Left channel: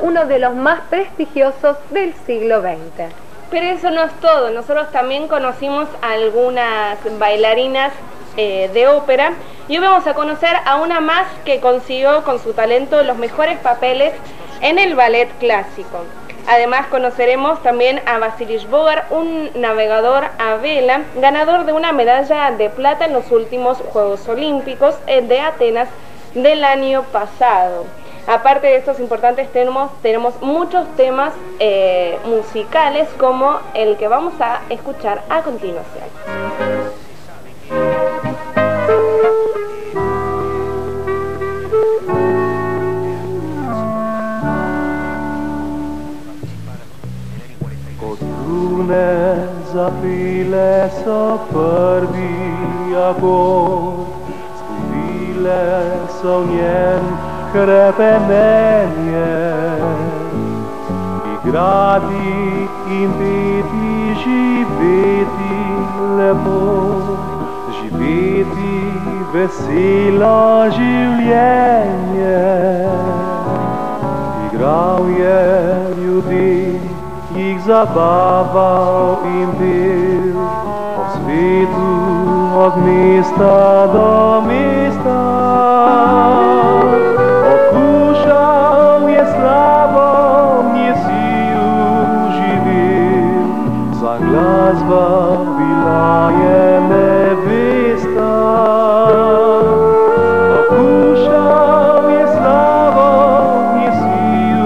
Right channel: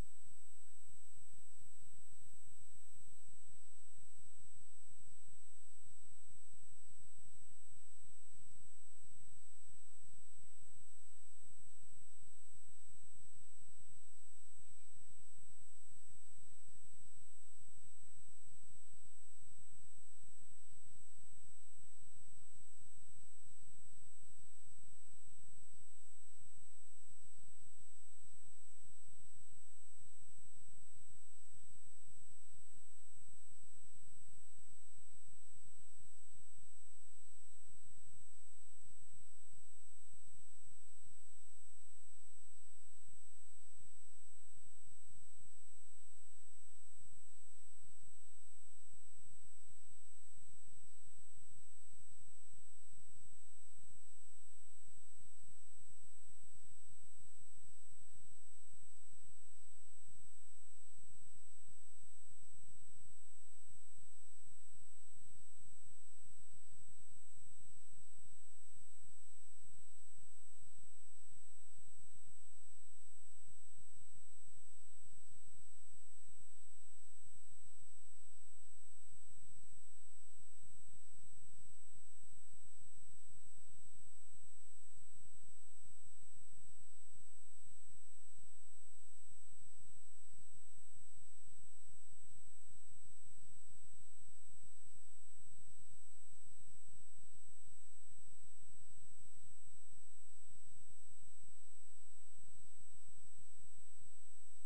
uno de los más prestigiosos del siglo XX. Pero eso no es todo, nosotros también conocimos a algunas bailarinas de ópera y hoy vamos a conocer a una más que consiguió con su talento los mejores papeles en el ballet clásico. Además conoceremos también a Vasilij Bogar, un navegador a vela, ganador de una medalla de plata en los últimos Juegos Olímpicos de Atenas del año pasado. Aparte de estos importantes tenemos muchos temas musicales como el que vamos a escuchar a continuación. Zapile să prvi agor, scuvile să nien crepenenie, I gradi impeti živeti lepo, živeti veselo življenje. Igral je ljudi, jih zabaval in pil, po svetu od mesta do mesta. Okušal je slavo, nje sil živel, za glasba bila je nevesta. Okušal je slavo, nje sil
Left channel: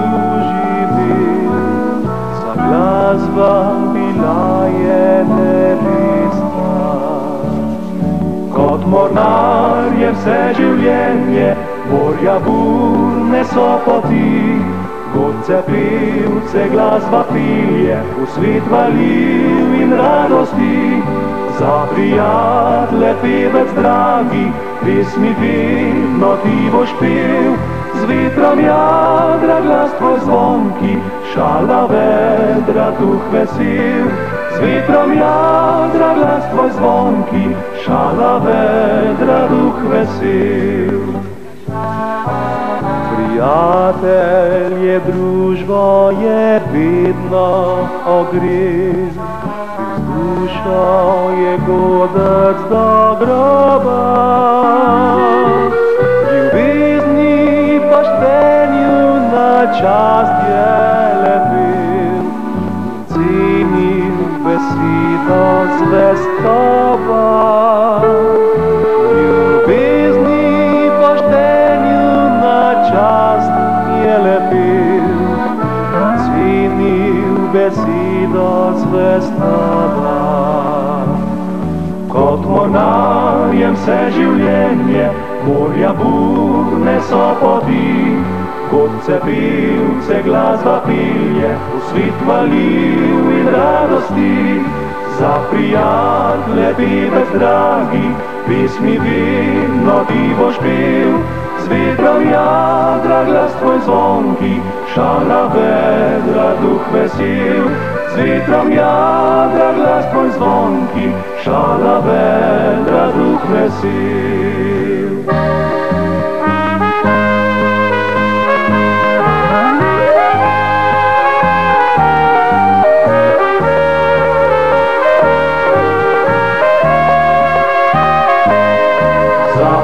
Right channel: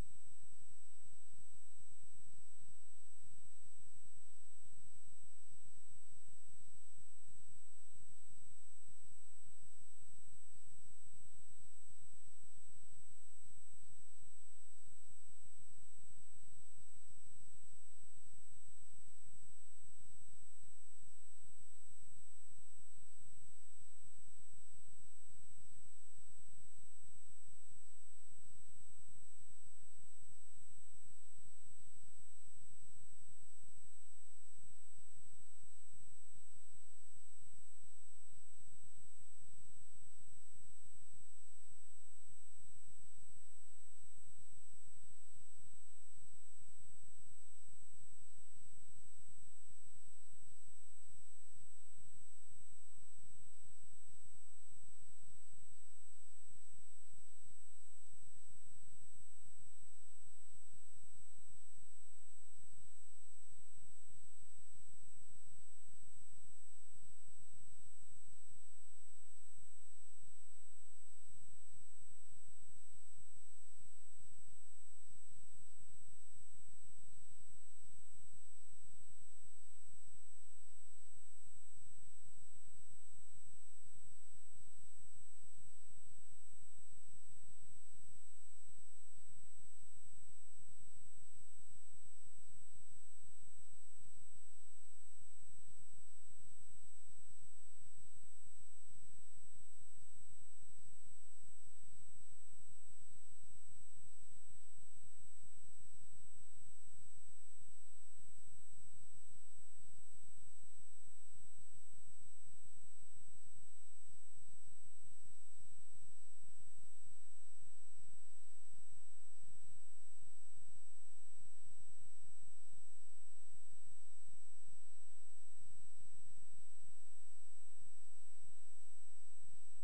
živel, za glasba bila je nevesta. Kot mornar je vse življenje, morja burne so poti, godce pevce glasba pilje, v svet valil in radosti. Za prijatelje pevec dragi, pesmi vedno ti boš pel, z vetrom jadra glas tvoj zvonki, šala vedra duh vesel. Z vetrom jadra glas tvoj zvonki, šala vedra duh vesel. Prijatelje, družbo je vedno ogrev, dušo je godec do groba. Ljubezni poštenju na čast je lepil, cenil besedo zvestoba. Ljubezni poštenju na čast je lepil, cenil besedo zvestoba. Kot mornar je vse življenje, morja burne so poti, godce pevce glasba pilje, v svet valil in radosti. Za prijatelje pevec dragi, pesmi vedno ti boš pel, z vetrom jadra glas tvoj zvonki, šala vedra duh vesel. Z vetrom jadra glas tvoj zvonki, šala vedra duh vesel.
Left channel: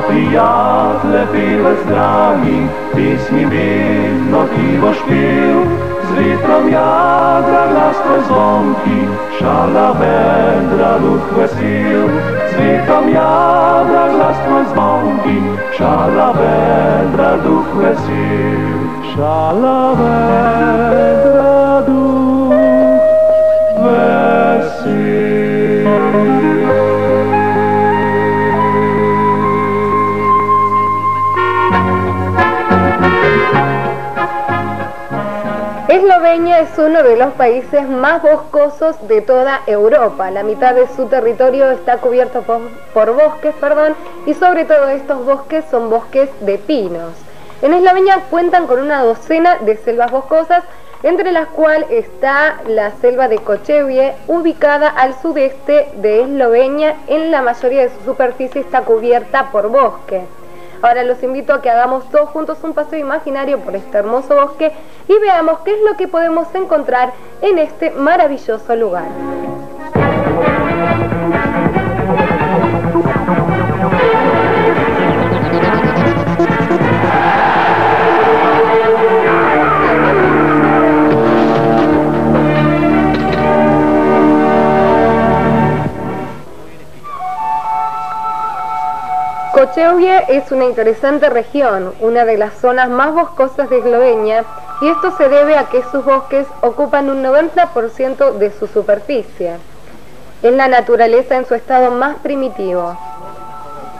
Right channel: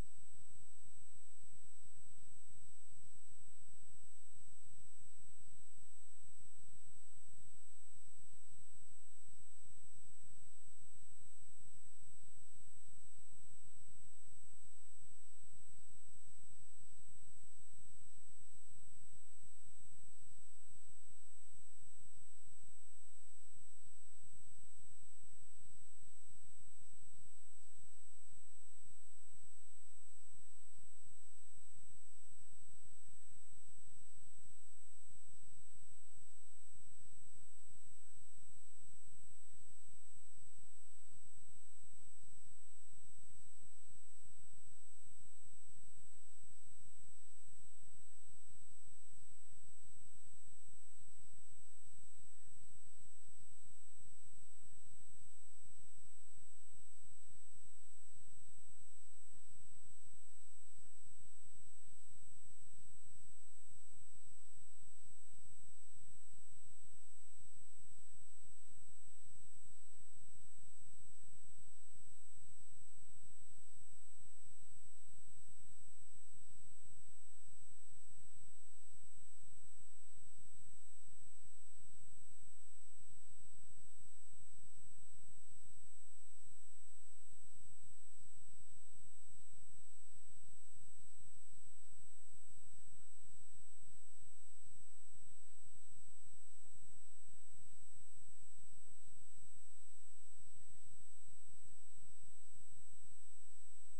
Prijatelje pevec dragi, pesmi vedno ti boš pel, z vetrom jadra glas tvoj zvonki, šala vedra duh vesel. Z vetrom jadra glas tvoj zvonki, šala vedra duh vesel. Šala vedra duh vesel. Eslovenia es uno de los países más boscosos de toda Europa. La mitad de su territorio está cubierto por bosques, y sobre todo estos bosques son bosques de pinos. En Eslovenia cuentan con una docena de selvas boscosas, entre las cuales está la selva de Kočevje, ubicada al sudeste de Eslovenia. En la mayoría de su superficie está cubierta por bosque. Ahora los invito a que hagamos todos juntos un paseo imaginario por este hermoso bosque y veamos qué es lo que podemos encontrar en este maravilloso lugar. Kočevje es una interesante región, una de las zonas más boscosas de Eslovenia, y esto se debe a que sus bosques ocupan un 90% de su superficie. Es la naturaleza en su estado más primitivo.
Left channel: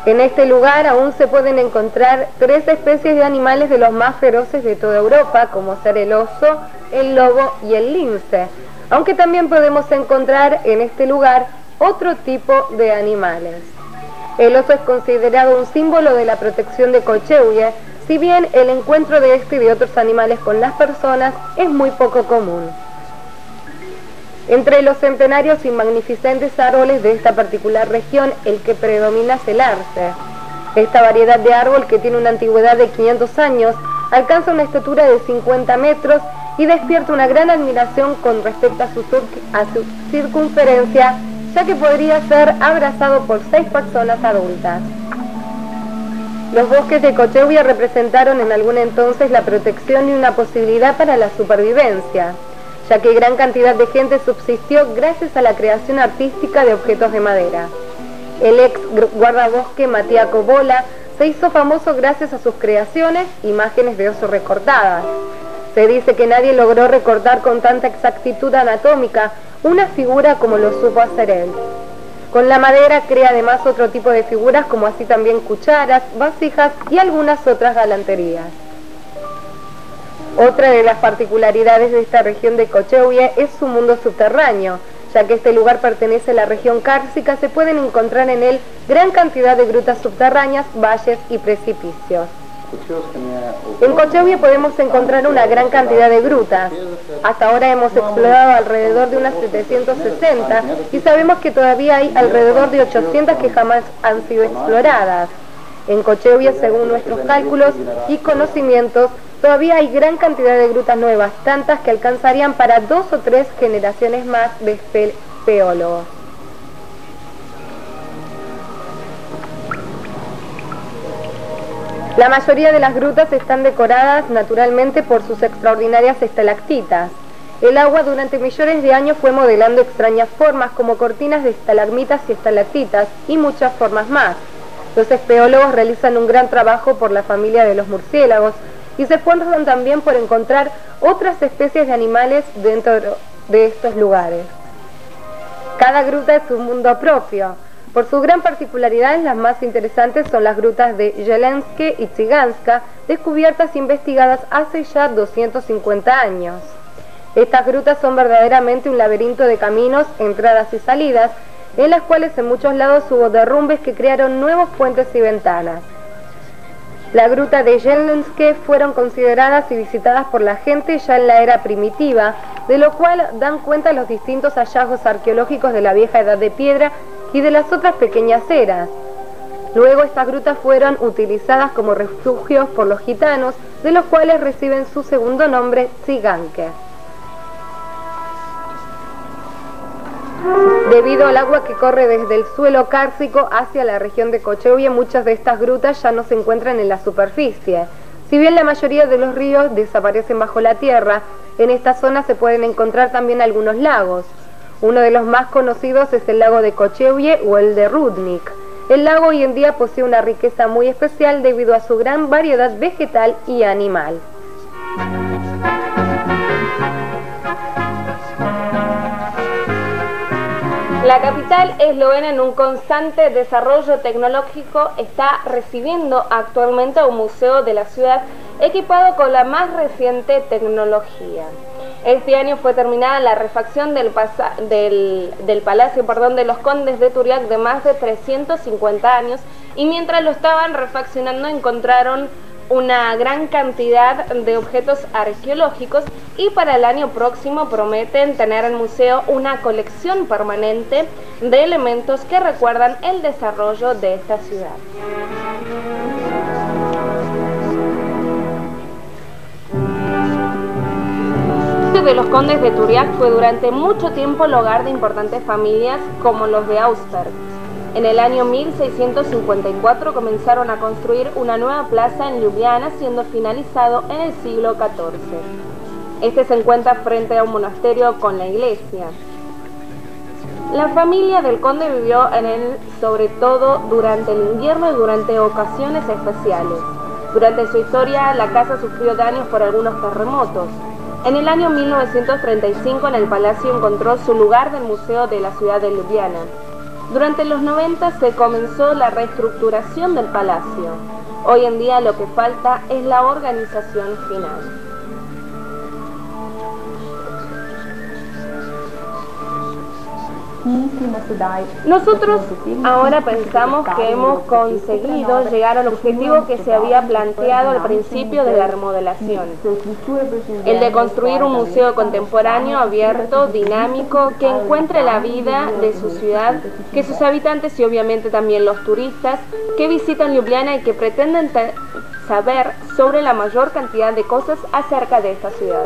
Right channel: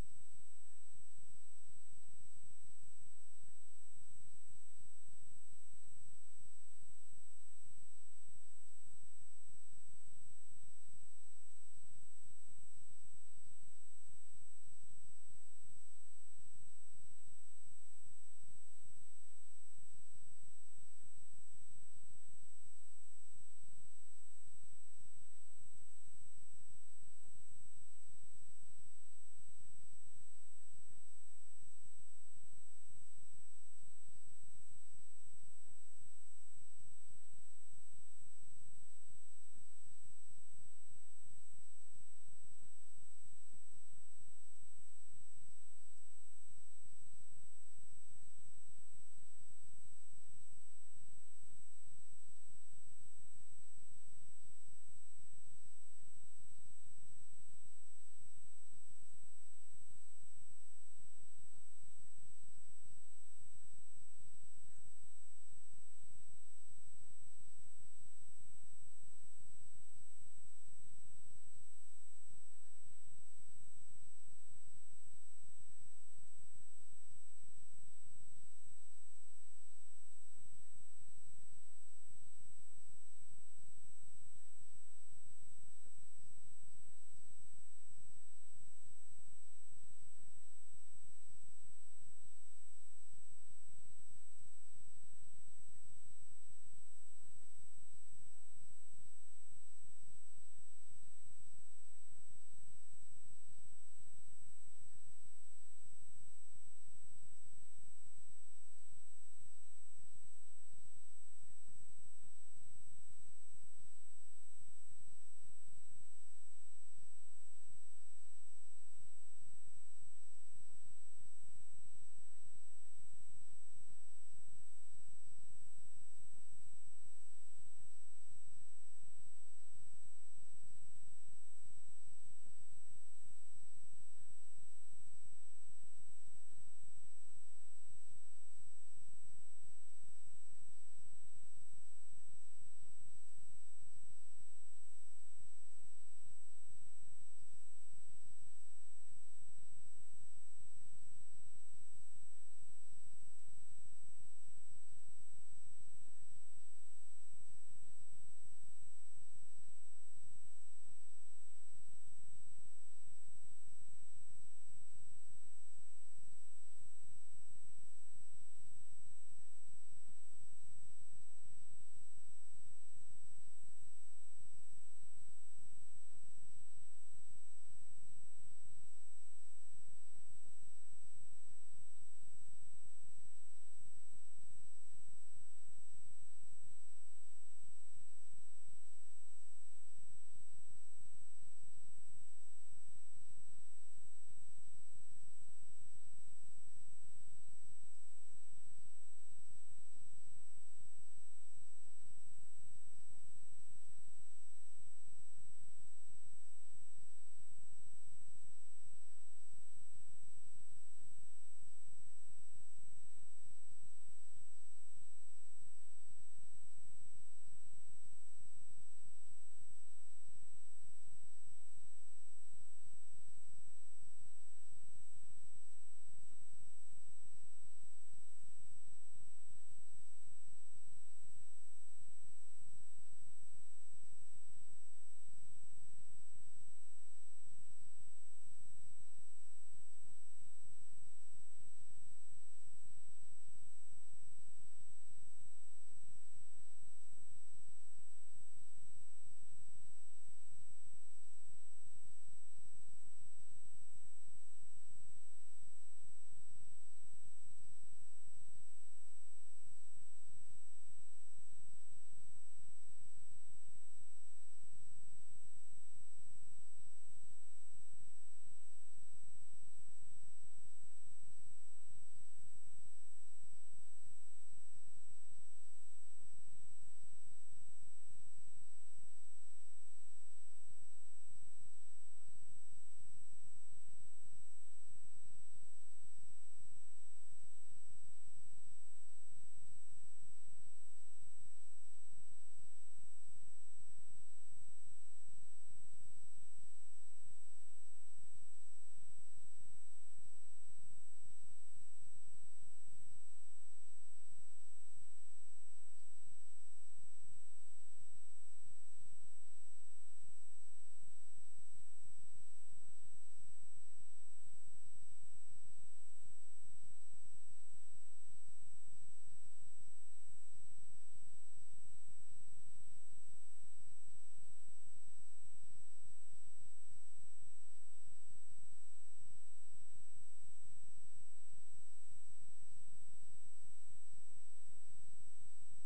En este lugar aún se pueden encontrar 3 especies de animales de los más feroces de toda Europa, como ser el oso, el lobo y el lince, aunque también podemos encontrar en este lugar otro tipo de animales. El oso es considerado un símbolo de la protección de Kočevje, si bien el encuentro de este y de otros animales con las personas es muy poco común. Entre los centenarios y magnificentes árboles de esta particular región, el que predomina es el arce. Esta variedad de árbol, que tiene una antigüedad de 500 años, alcanza una estatura de 50 metros y despierta una gran admiración con respecto a su circunferencia, ya que podría ser abrazado por 6 personas adultas. Los bosques de Kočevje representaron en algún entonces la protección y una posibilidad para la supervivencia, ya que gran cantidad de gente subsistió gracias a la creación artística de objetos de madera. El ex guardabosque Matías Kobola se hizo famoso gracias a sus creaciones, imágenes de oso recortadas. Se dice que nadie logró recortar con tanta exactitud anatómica una figura como lo supo hacer él. Con la madera crea además otro tipo de figuras, como así también cucharas, vasijas y algunas otras galanterías. Otra de las particularidades de esta región de Kočevje es su mundo subterráneo. Ya que este lugar pertenece a la región cársica, se pueden encontrar en él gran cantidad de grutas subterráneas, valles y precipicios. En Kočevje podemos encontrar una gran cantidad de grutas. Hasta ahora hemos explorado alrededor de unas 760 y sabemos que todavía hay alrededor de 800 que jamás han sido exploradas. En Kočevje, según nuestros cálculos y conocimientos, todavía hay gran cantidad de grutas nuevas, tantas que alcanzarían para 2 o 3 generaciones más de espeleólogos. La mayoría de las grutas están decoradas naturalmente por sus extraordinarias estalactitas. El agua durante millones de años fue modelando extrañas formas como cortinas de estalagmitas y estalactitas y muchas formas más. Los espeleólogos realizan un gran trabajo por la familia de los murciélagos y se esfuerzan también por encontrar otras especies de animales dentro de estos lugares. Cada gruta es un mundo propio. Por su gran particularidad, las más interesantes son las grutas de Jelenske y Tsiganska, descubiertas e investigadas hace ya 250 años. Estas grutas son verdaderamente un laberinto de caminos, entradas y salidas, en las cuales en muchos lados hubo derrumbes que crearon nuevos puentes y ventanas. La gruta de Jelenske fueron consideradas y visitadas por la gente ya en la era primitiva, de lo cual dan cuenta los distintos hallazgos arqueológicos de la vieja edad de piedra y de las otras pequeñas eras. Luego estas grutas fueron utilizadas como refugios por los gitanos, de los cuales reciben su segundo nombre, Tsiganke. Debido al agua que corre desde el suelo cársico hacia la región de Kočevje, muchas de estas grutas ya no se encuentran en la superficie. Si bien la mayoría de los ríos desaparecen bajo la tierra, en esta zona se pueden encontrar también algunos lagos. Uno de los más conocidos es el lago de Kočevje o el de Rudnik. El lago hoy en día posee una riqueza muy especial debido a su gran variedad vegetal y animal. La capital eslovena, en un constante desarrollo tecnológico, está recibiendo actualmente un museo de la ciudad equipado con la más reciente tecnología. Este año fue terminada la refacción del Palacio de los Condes de Turiac, de más de 350 años, y mientras lo estaban refaccionando encontraron una gran cantidad de objetos arqueológicos, y para el año próximo prometen tener en el museo una colección permanente de elementos que recuerdan el desarrollo de esta ciudad. sitio de los condes de Turiac fue durante mucho tiempo el hogar de importantes familias como los de Augsburg. En el año 1654 comenzaron a construir una nueva plaza en Ljubljana, siendo finalizado en el siglo XIV. Este se encuentra frente a un monasterio con la iglesia. La familia del conde vivió en él sobre todo durante el invierno y durante ocasiones especiales. Durante su historia, la casa sufrió daños por algunos terremotos. En el año 1935, en el palacio encontró su lugar del Museo de la ciudad de Ljubljana. Durante los 90 se comenzó la reestructuración del palacio. Hoy en día lo que falta es la organización final. Nosotros ahora pensamos que hemos conseguido llegar al objetivo que se había planteado al principio de la remodelación, el de construir un museo contemporáneo, abierto, dinámico, que encuentre la vida de su ciudad, que sus habitantes y obviamente también los turistas que visitan Ljubljana y que pretenden saber sobre la mayor cantidad de cosas acerca de esta ciudad.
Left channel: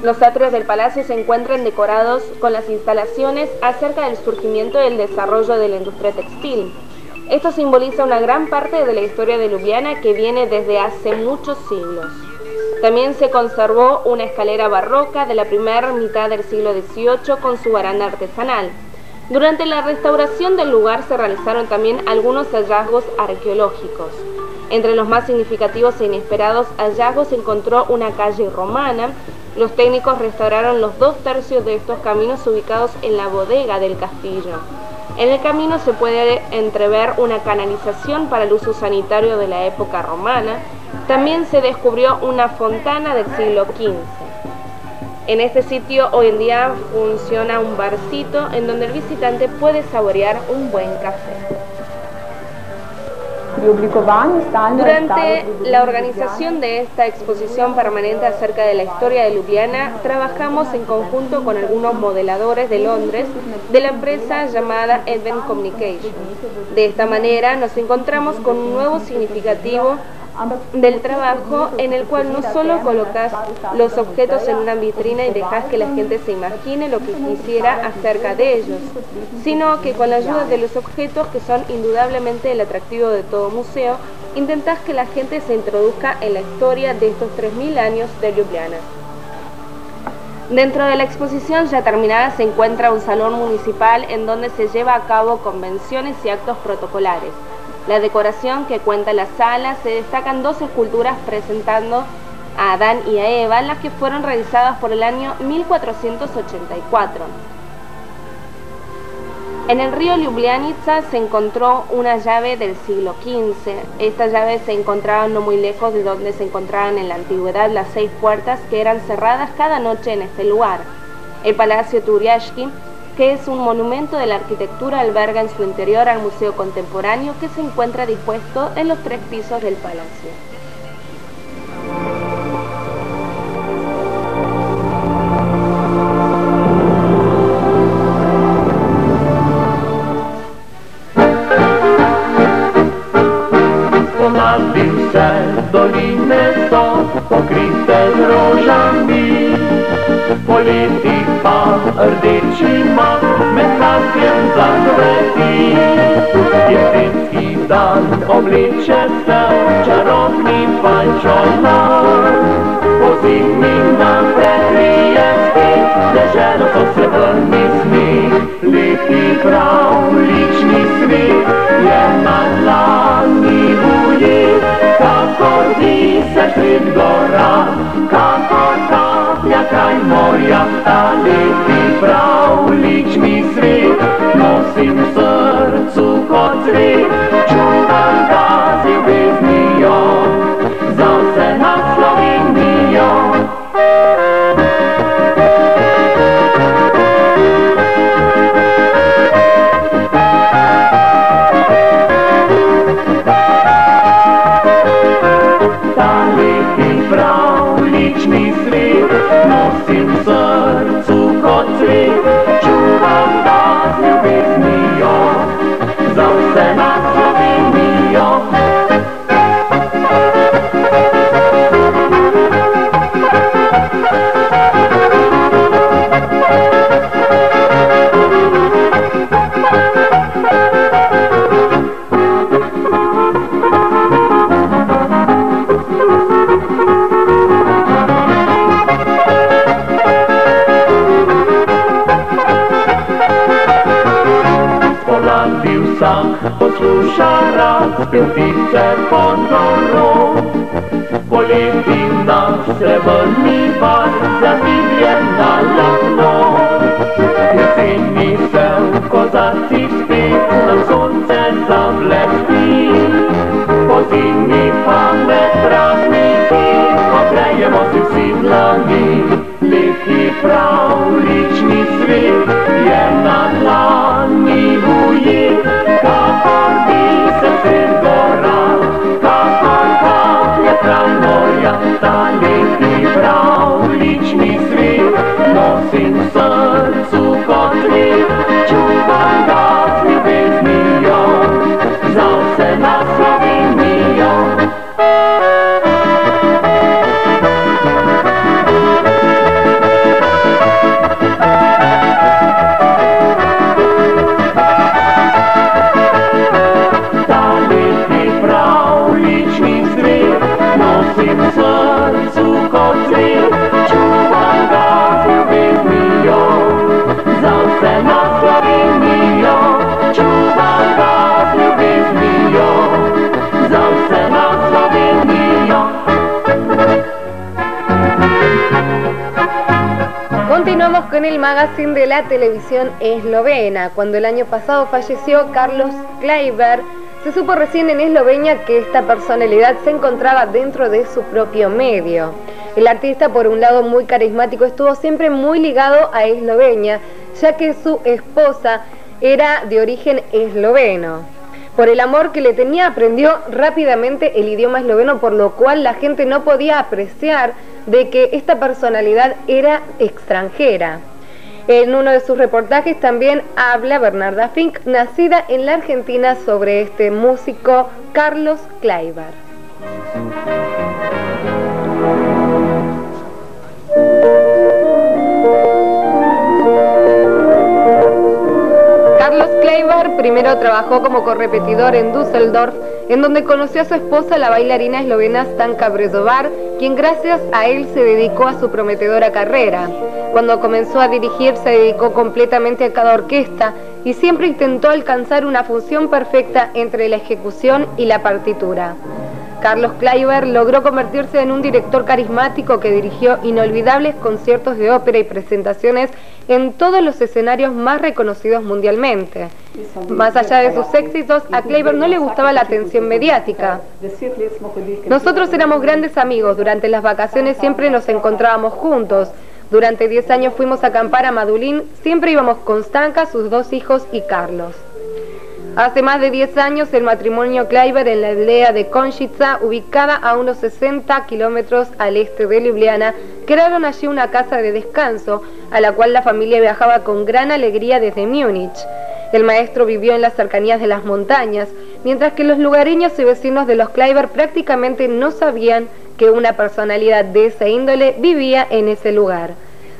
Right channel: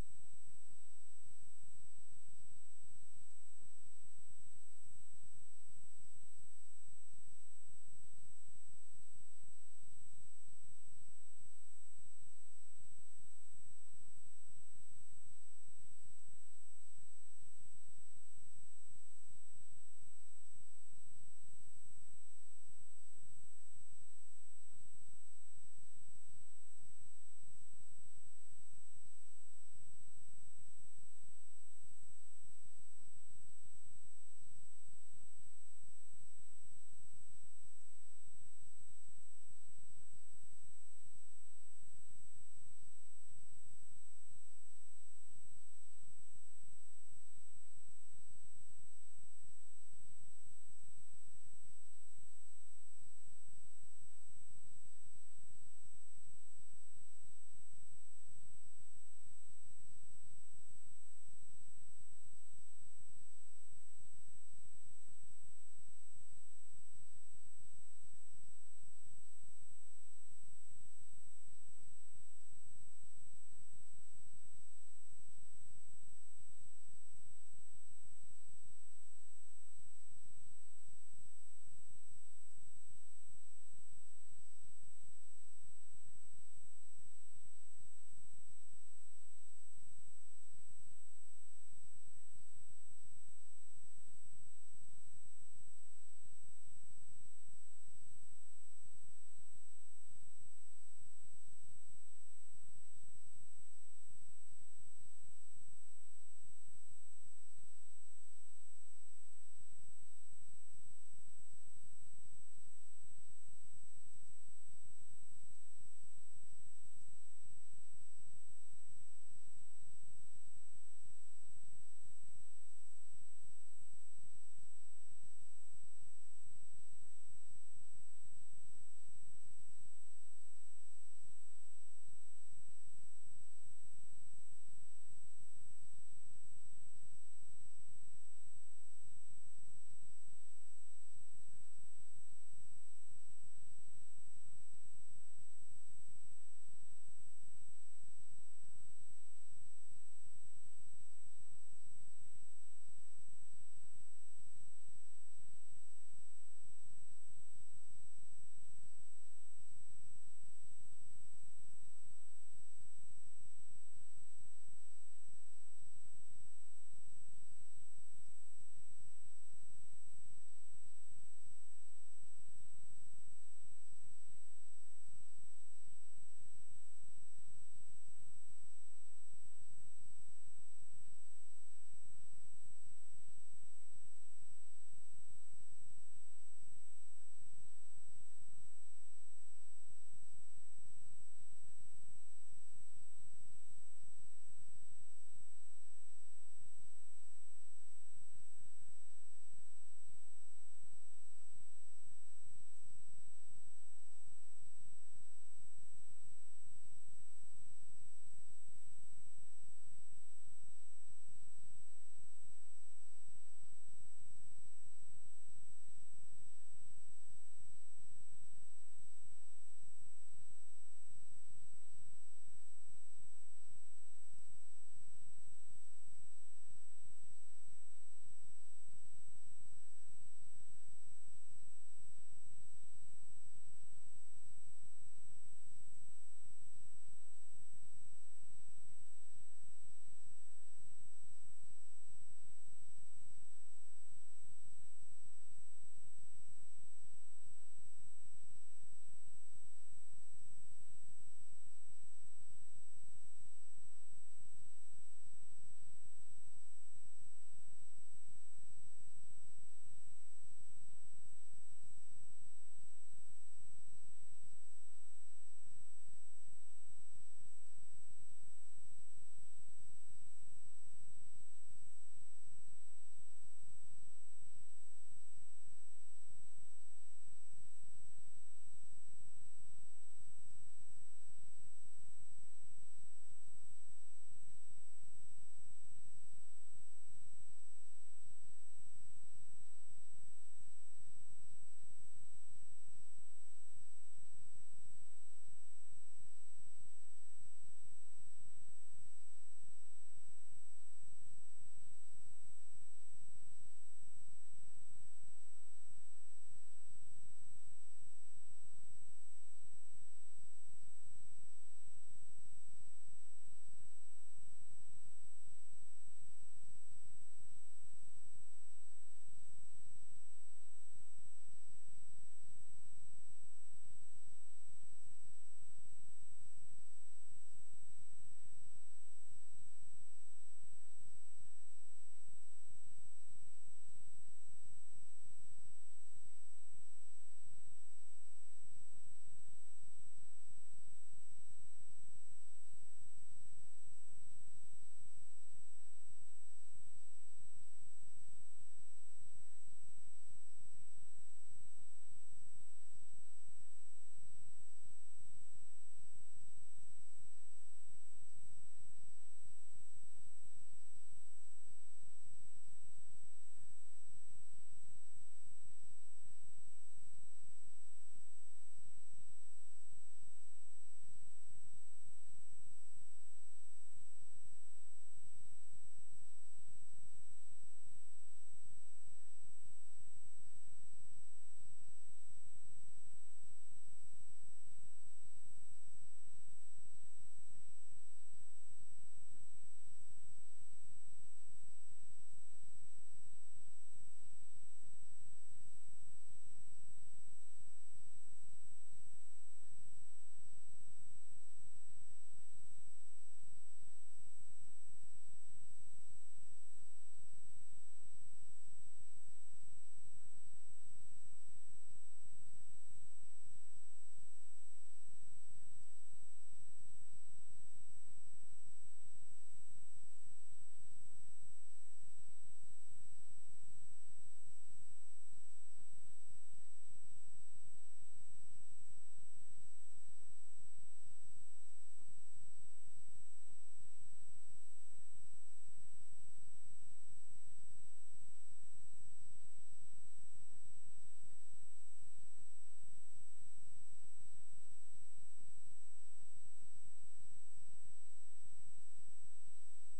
Los atrios del palacio se encuentran decorados con las instalaciones acerca del surgimiento y el desarrollo de la industria textil. Esto simboliza una gran parte de la historia de Ljubljana que viene desde hace muchos siglos. También se conservó una escalera barroca de la primera mitad del siglo XVIII con su baranda artesanal. Durante la restauración del lugar se realizaron también algunos hallazgos arqueológicos. Entre los más significativos e inesperados hallazgos se encontró una calle romana. Los técnicos restauraron los 2/3 de estos caminos ubicados en la bodega del castillo. En el camino se puede entrever una canalización para el uso sanitario de la época romana. También se descubrió una fontana del siglo XV. En este sitio hoy en día funciona un barcito en donde el visitante puede saborear un buen café. Durante la organización de esta exposición permanente acerca de la historia de Ljubljana, trabajamos en conjunto con algunos modeladores de Londres de la empresa llamada Advent Communication. De esta manera nos encontramos con un nuevo significativo del trabajo en el cual no solo colocas los objetos en una vitrina y dejas que la gente se imagine lo que quisiera acerca de ellos, sino que con la ayuda de los objetos, que son indudablemente el atractivo de todo museo, intentas que la gente se introduzca en la historia de estos 3000 años de Ljubljana. Dentro de la exposición ya terminada se encuentra un salón municipal en donde se lleva a cabo convenciones y actos protocolares. La decoración que cuenta la sala se destacan 2 esculturas presentando a Adán y a Eva, las que fueron realizadas por el año 1484. En el río Ljubljanica se encontró una llave del siglo XV. Esta llave se encontraba no muy lejos de donde se encontraban en la antigüedad las 6 puertas que eran cerradas cada noche en este lugar. El Palacio Turiaški, que es un monumento de la arquitectura, alberga en su interior al museo contemporáneo que se encuentra dispuesto en los 3 pisos del palacio. Doline są pokryte różami, poleci pa rdečima, med kasjem zakreti. Jesenski dan obleče se v čarobni pajčolar, po zimi nam prekrije spet, deželo so se vrni smeh. Lepi pravlični svet je na dlani ujet, kakor disaš sred gora, kakor kaplja kraj morja. Ta lepi pravlični svet nosim v srcu kot cvet, čuvam ga z ljubeznijo za vse nas Slovenijo. Fântițe pondorou, Politina se vălnivar, za biblienala flor. Jeseni se kozaci spit, na sunce zablesti, po zimi pame prazniki, obrejemo si vsi dlani. Leti pravlični svet je na dlani ujit, kakor bi se svet gora, kakor kaplje trajnoja, ta leti pravlični svet nosim v srcu kot cvet, čuvam ga z ljubeznijo, za vse na Slovenijo. Continuamos con el magazine de la televisión eslovena. Cuando el año pasado falleció Carlos Kleiber, se supo recién en Eslovenia que esta personalidad se encontraba dentro de su propio medio. El artista, por un lado muy carismático, estuvo siempre muy ligado a Eslovenia, ya que su esposa era de origen esloveno. Por el amor que le tenía, aprendió rápidamente el idioma esloveno, por lo cual la gente no podía apreciar de que esta personalidad era extranjera. En uno de sus reportajes también habla Bernarda Fink, nacida en la Argentina, sobre este músico Carlos Kleiber. Carlos Kleiber primero trabajó como correpetidor en Düsseldorf, en donde conoció a su esposa, la bailarina eslovena Stanka Brezovar, quien gracias a él se dedicó a su prometedora carrera. Cuando comenzó a dirigir, se dedicó completamente a cada orquesta y siempre intentó alcanzar una función perfecta entre la ejecución y la partitura. Carlos Kleiber logró convertirse en un director carismático que dirigió inolvidables conciertos de ópera y presentaciones en todos los escenarios más reconocidos mundialmente. Más allá de sus éxitos, a Kleiber no le gustaba la atención mediática. Nosotros éramos grandes amigos, durante las vacaciones siempre nos encontrábamos juntos. Durante 10 años fuimos a acampar a Madulín, siempre íbamos con Stanka, sus 2 hijos y Carlos. Hace más de 10 años el matrimonio Kleiber en la aldea de Konjica, ubicada a unos 60 kilómetros al este de Ljubljana, crearon allí una casa de descanso, a la cual la familia viajaba con gran alegría desde Múnich. El maestro vivió en las cercanías de las montañas, mientras que los lugareños y vecinos de los Kleiber prácticamente no sabían que una personalidad de esa índole vivía en ese lugar.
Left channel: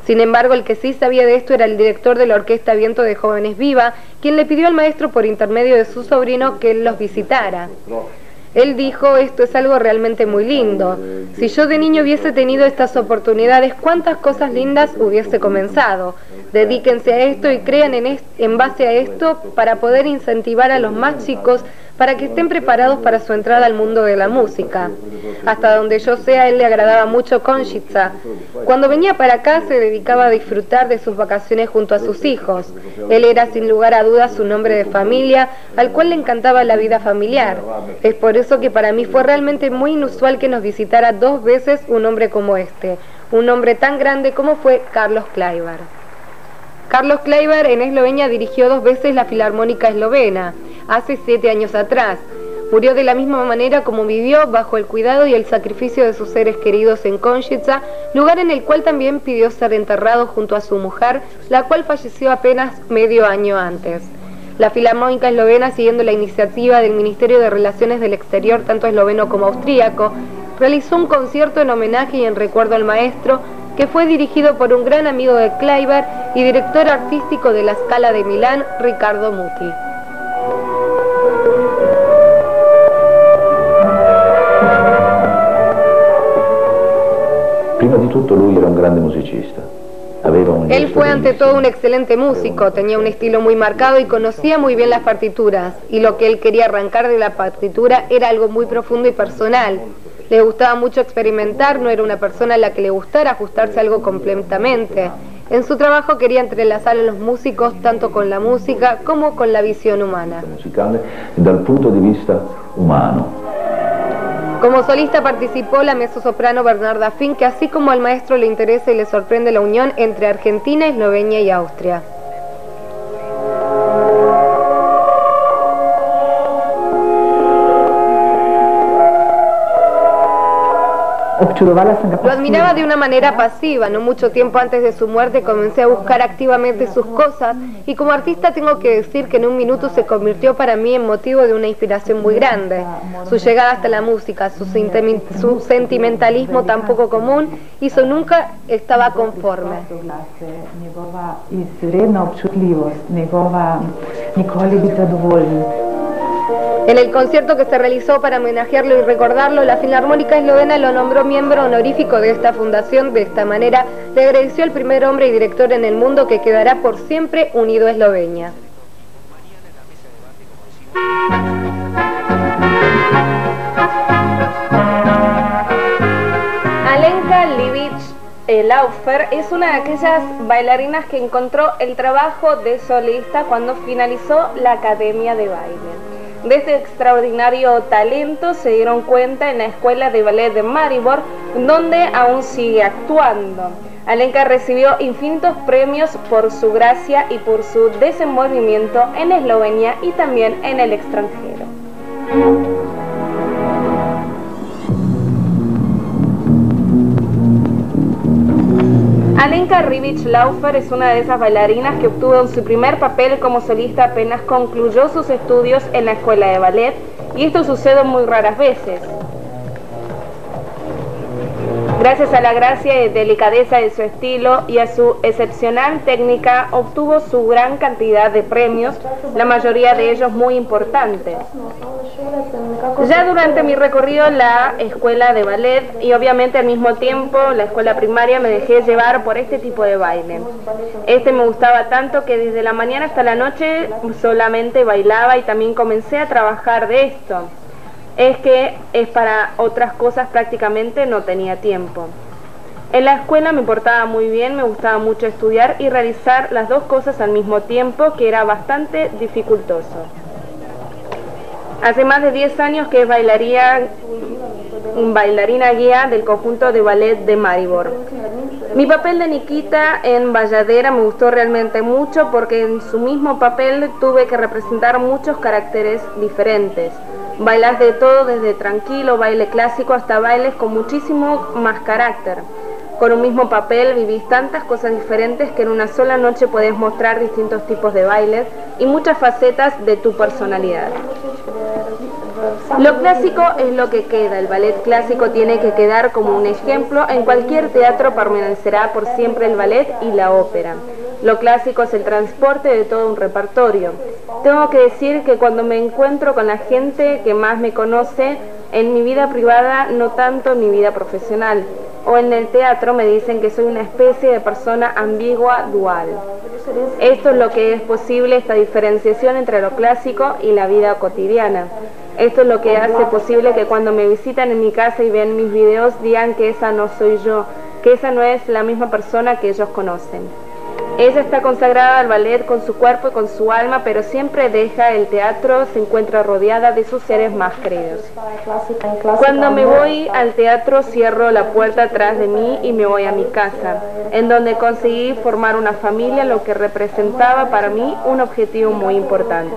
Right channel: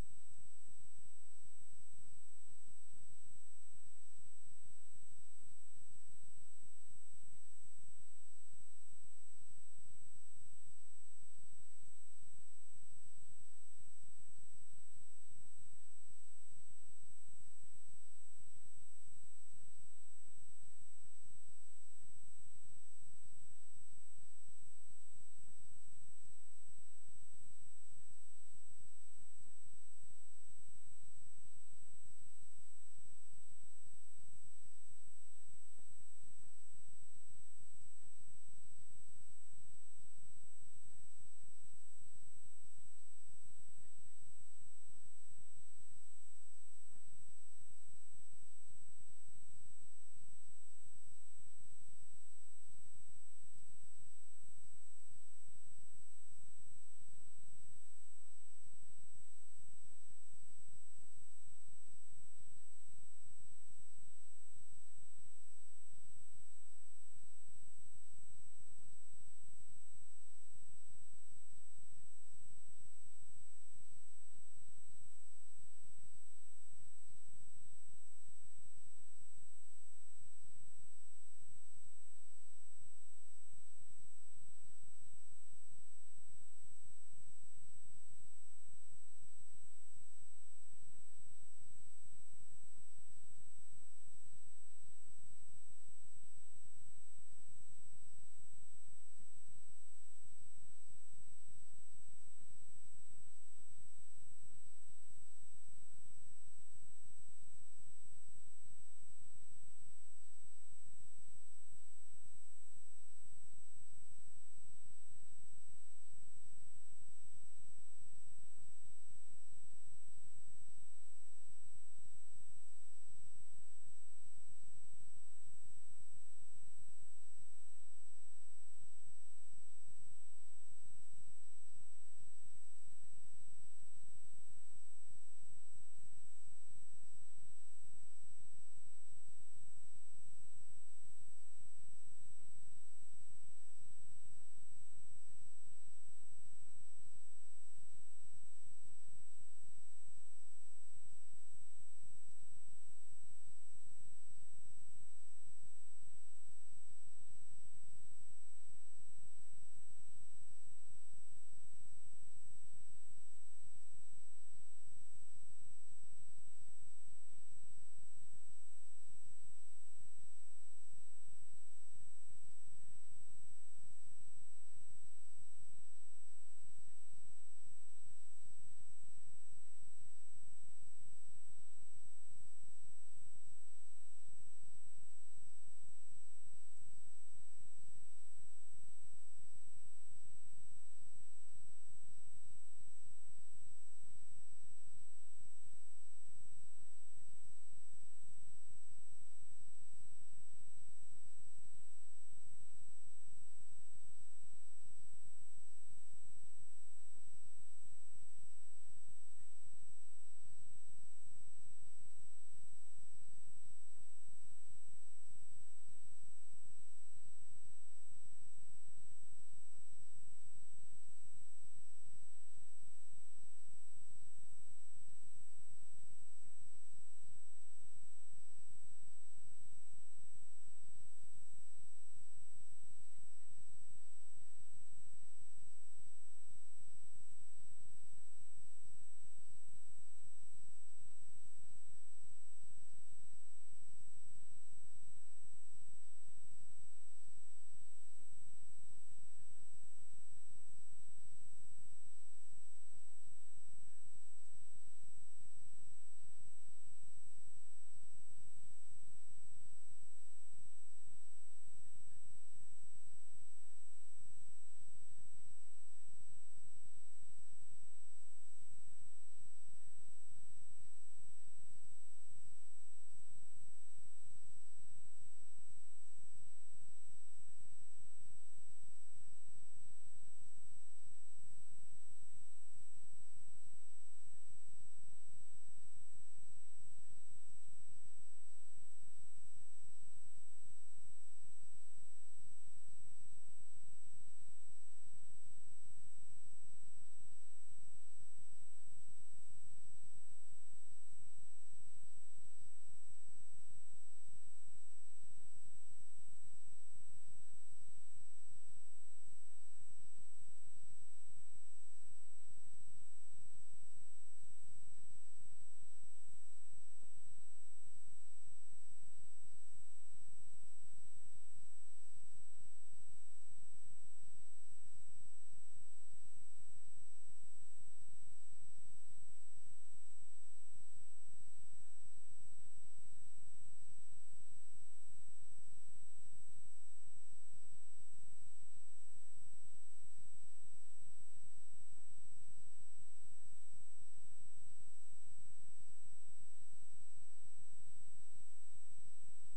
Sin embargo, el que sí sabía de esto era el director de la Orquesta Viento de Jóvenes Viva, quien le pidió al maestro por intermedio de su sobrino que él los visitara. Él dijo: esto es algo realmente muy lindo. Si yo de niño hubiese tenido estas oportunidades, cuántas cosas lindas hubiese comenzado. Dedíquense a esto y crean en base a esto para poder incentivar a los más chicos para que estén preparados para su entrada al mundo de la música. Hasta donde yo sé, a él le agradaba mucho Konjica. Cuando venía para acá se dedicaba a disfrutar de sus vacaciones junto a sus hijos. Él era sin lugar a dudas un hombre de familia, al cual le encantaba la vida familiar. Es por eso que para mí fue realmente muy inusual que nos visitara 2 veces un hombre como este, un hombre tan grande como fue Carlos Kleiber. Carlos Kleiber en Eslovenia dirigió 2 veces la Filarmónica Eslovena, hace 7 años atrás. Murió de la misma manera como vivió, bajo el cuidado y el sacrificio de sus seres queridos en Konjica, lugar en el cual también pidió ser enterrado junto a su mujer, la cual falleció apenas medio año antes. La Filarmónica Eslovena, siguiendo la iniciativa del Ministerio de Relaciones del Exterior, tanto esloveno como austríaco, realizó un concierto en homenaje y en recuerdo al maestro, que fue dirigido por un gran amigo de Kleiber y director artístico de la Scala de Milán, Riccardo Muti. Prima di tutto lui era un grande musicista, Él fue ante todo un excelente músico, tenía un estilo muy marcado y conocía muy bien las partituras, y lo que él quería arrancar de la partitura era algo muy profundo y personal. Le gustaba mucho experimentar, no era una persona a la que le gustara ajustarse a algo completamente. En su trabajo quería entrelazar a los músicos tanto con la música como con la visión humana. Dal punto de vista humano. Como solista participó la mezzosoprano Bernarda Fink, que así como al maestro le interesa y le sorprende la unión entre Argentina, Eslovenia y Austria. Lo admiraba de una manera pasiva, no mucho tiempo antes de su muerte comencé a buscar activamente sus cosas y como artista tengo que decir que en un minuto se convirtió para mí en motivo de una inspiración muy grande. Su llegada hasta la música, su sentimentalismo tan poco común hizo nunca estaba conforme. En el concierto que se realizó para homenajearlo y recordarlo, la Filarmónica Eslovena lo nombró miembro honorífico de esta fundación. De esta manera, le agradeció al primer hombre y director en el mundo que quedará por siempre unido a Eslovenia. Alenka Livic-Laufer es una de aquellas bailarinas que encontró el trabajo de solista cuando finalizó la Academia de Baile. De este extraordinario talento se dieron cuenta en la Escuela de Ballet de Maribor, donde aún sigue actuando. Alenka recibió infinitos premios por su gracia y por su desenvolvimiento en Eslovenia y también en el extranjero. Alenka Livic-Laufer es una de esas bailarinas que obtuvo su primer papel como solista apenas concluyó sus estudios en la escuela de ballet, y esto sucede muy raras veces. Gracias a la gracia y delicadeza de su estilo y a su excepcional técnica, obtuvo su gran cantidad de premios, la mayoría de ellos muy importantes. Ya durante mi recorrido en la escuela de ballet y obviamente al mismo tiempo la escuela primaria me dejé llevar por este tipo de baile. Me gustaba tanto que desde la mañana hasta la noche solamente bailaba y también comencé a trabajar de esto. Para otras cosas prácticamente no tenía tiempo. En la escuela me portaba muy bien, me gustaba mucho estudiar y realizar las dos cosas al mismo tiempo, que era bastante dificultoso. Hace más de 10 años que es bailarina guía del conjunto de ballet de Maribor. Mi papel de Nikita en Balladera me gustó realmente mucho porque en su mismo papel tuve que representar muchos caracteres diferentes. Bailas de todo, desde tranquilo, baile clásico, hasta bailes con muchísimo más carácter. Con un mismo papel vivís tantas cosas diferentes que en una sola noche podés mostrar distintos tipos de bailes y muchas facetas de tu personalidad. Lo clásico es lo que queda, el ballet clásico tiene que quedar como un ejemplo, en cualquier teatro permanecerá por siempre el ballet y la ópera. Lo clásico es el transporte de todo un repertorio. Tengo que decir que cuando me encuentro con la gente que más me conoce, en mi vida privada, no tanto en mi vida profesional, o en el teatro me dicen que soy una especie de persona ambigua, dual. Esto es lo que es posible, esta diferenciación entre lo clásico y la vida cotidiana. Esto es lo que hace posible que cuando me visitan en mi casa y ven mis videos digan que esa no soy yo, que esa no es la misma persona que ellos conocen. Ella está consagrada al ballet con su cuerpo y con su alma, pero siempre deja el teatro, se encuentra rodeada de sus seres más queridos. Cuando me voy al teatro cierro la puerta atrás de mí y me voy a mi casa, en donde conseguí formar una familia, lo que representaba para mí un objetivo muy importante.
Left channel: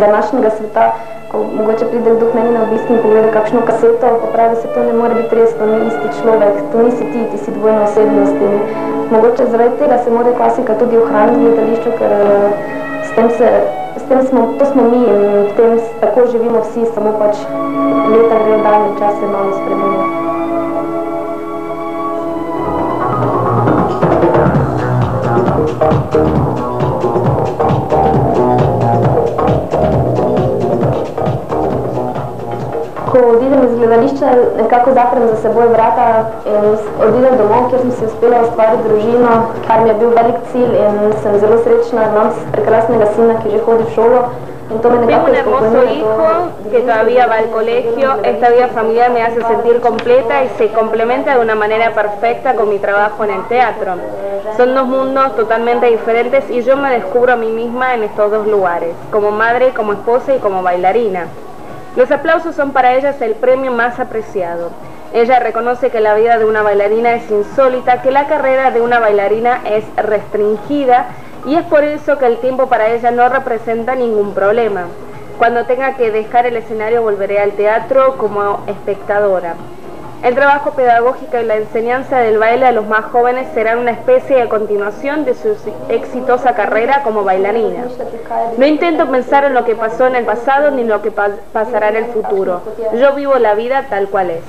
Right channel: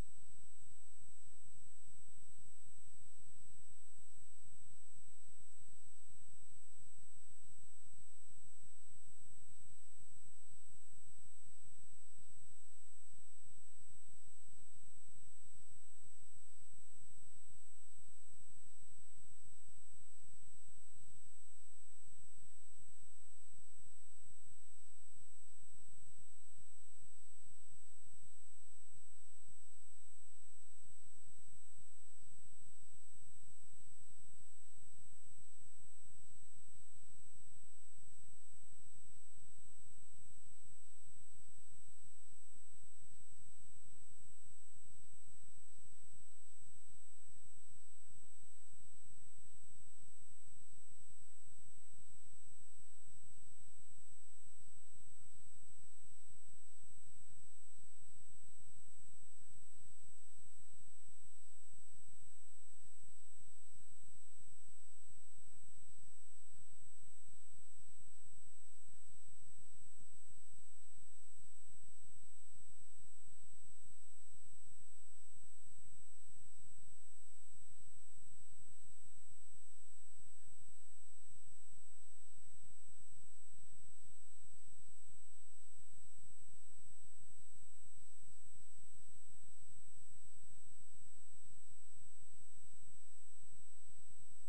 Današnjega sveta, ko mogoče pride kdo k meni na obisk in pogleda kakšno kaseto, pa pravi se to ne more biti res, to ni isti človek, to nisi ti, ti si dvojna osebnost in mogoče zaradi tega se mora klasika tudi ohraniti v gledališču, ker to smo mi in v tem tako živimo vsi, samo pač leta grejo dalje, čas se malo spremenja. odidem iz gledališča, nekako zaprem za seboj vrata in odidem domov, kjer sem si uspela ustvariti družino, kar mi je bil velik cilj in sem zelo srečna, imam prekrasnega sina, ki že hodi v šolo. Tengo un hermoso hijo que todavía va al colegio. Esta vida familiar me hace sentir completa y se complementa de una manera perfecta con mi trabajo en el teatro. Son dos mundos totalmente diferentes y yo me descubro a mí misma en estos dos lugares, como madre, como esposa y como bailarina. Los aplausos son para ellas el premio más apreciado. Ella reconoce que la vida de una bailarina es insólita, que la carrera de una bailarina es restringida y es por eso que el tiempo para ella no representa ningún problema. Cuando tenga que dejar el escenario volveré al teatro como espectadora. El trabajo pedagógico y la enseñanza del baile a los más jóvenes serán una especie de continuación de su exitosa carrera como bailarina. No intento pensar en lo que pasó en el pasado ni en lo que pasará en el futuro. Yo vivo la vida tal cual es.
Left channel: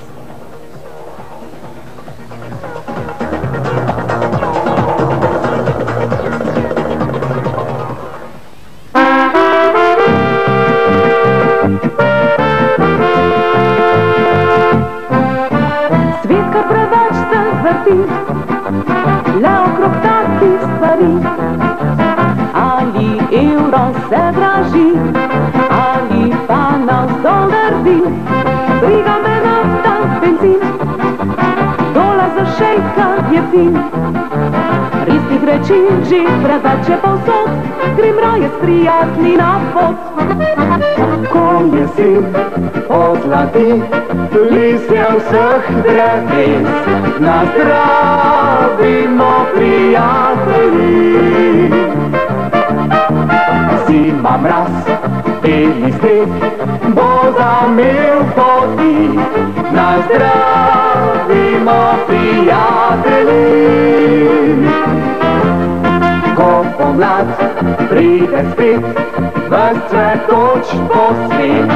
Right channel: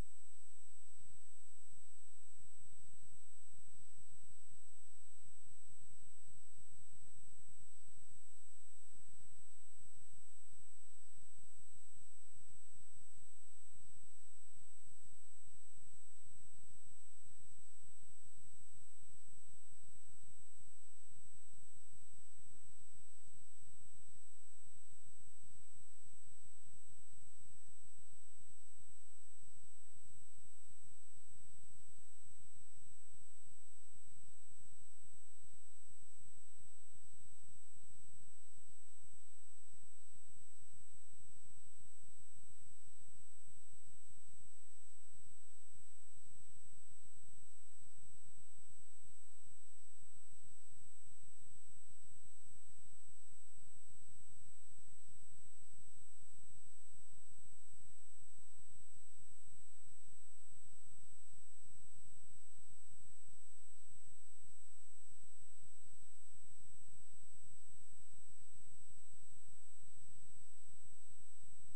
Le okrog takih stvari, ali evro se draži, ali pa navzdol drvi. Briga me nafta, benzin, dolar za šejka je fin. Resnih reči že preveč je povsod, grem raje s prijatelji na pot. Ko jesen pozlati listje vseh dreves, nazdravimo prijatelji. Zima mraz, beli sneg bo zamel poti, nazdravimo prijatelji. Ko pomlad pride spet, ves cvetoč po svet,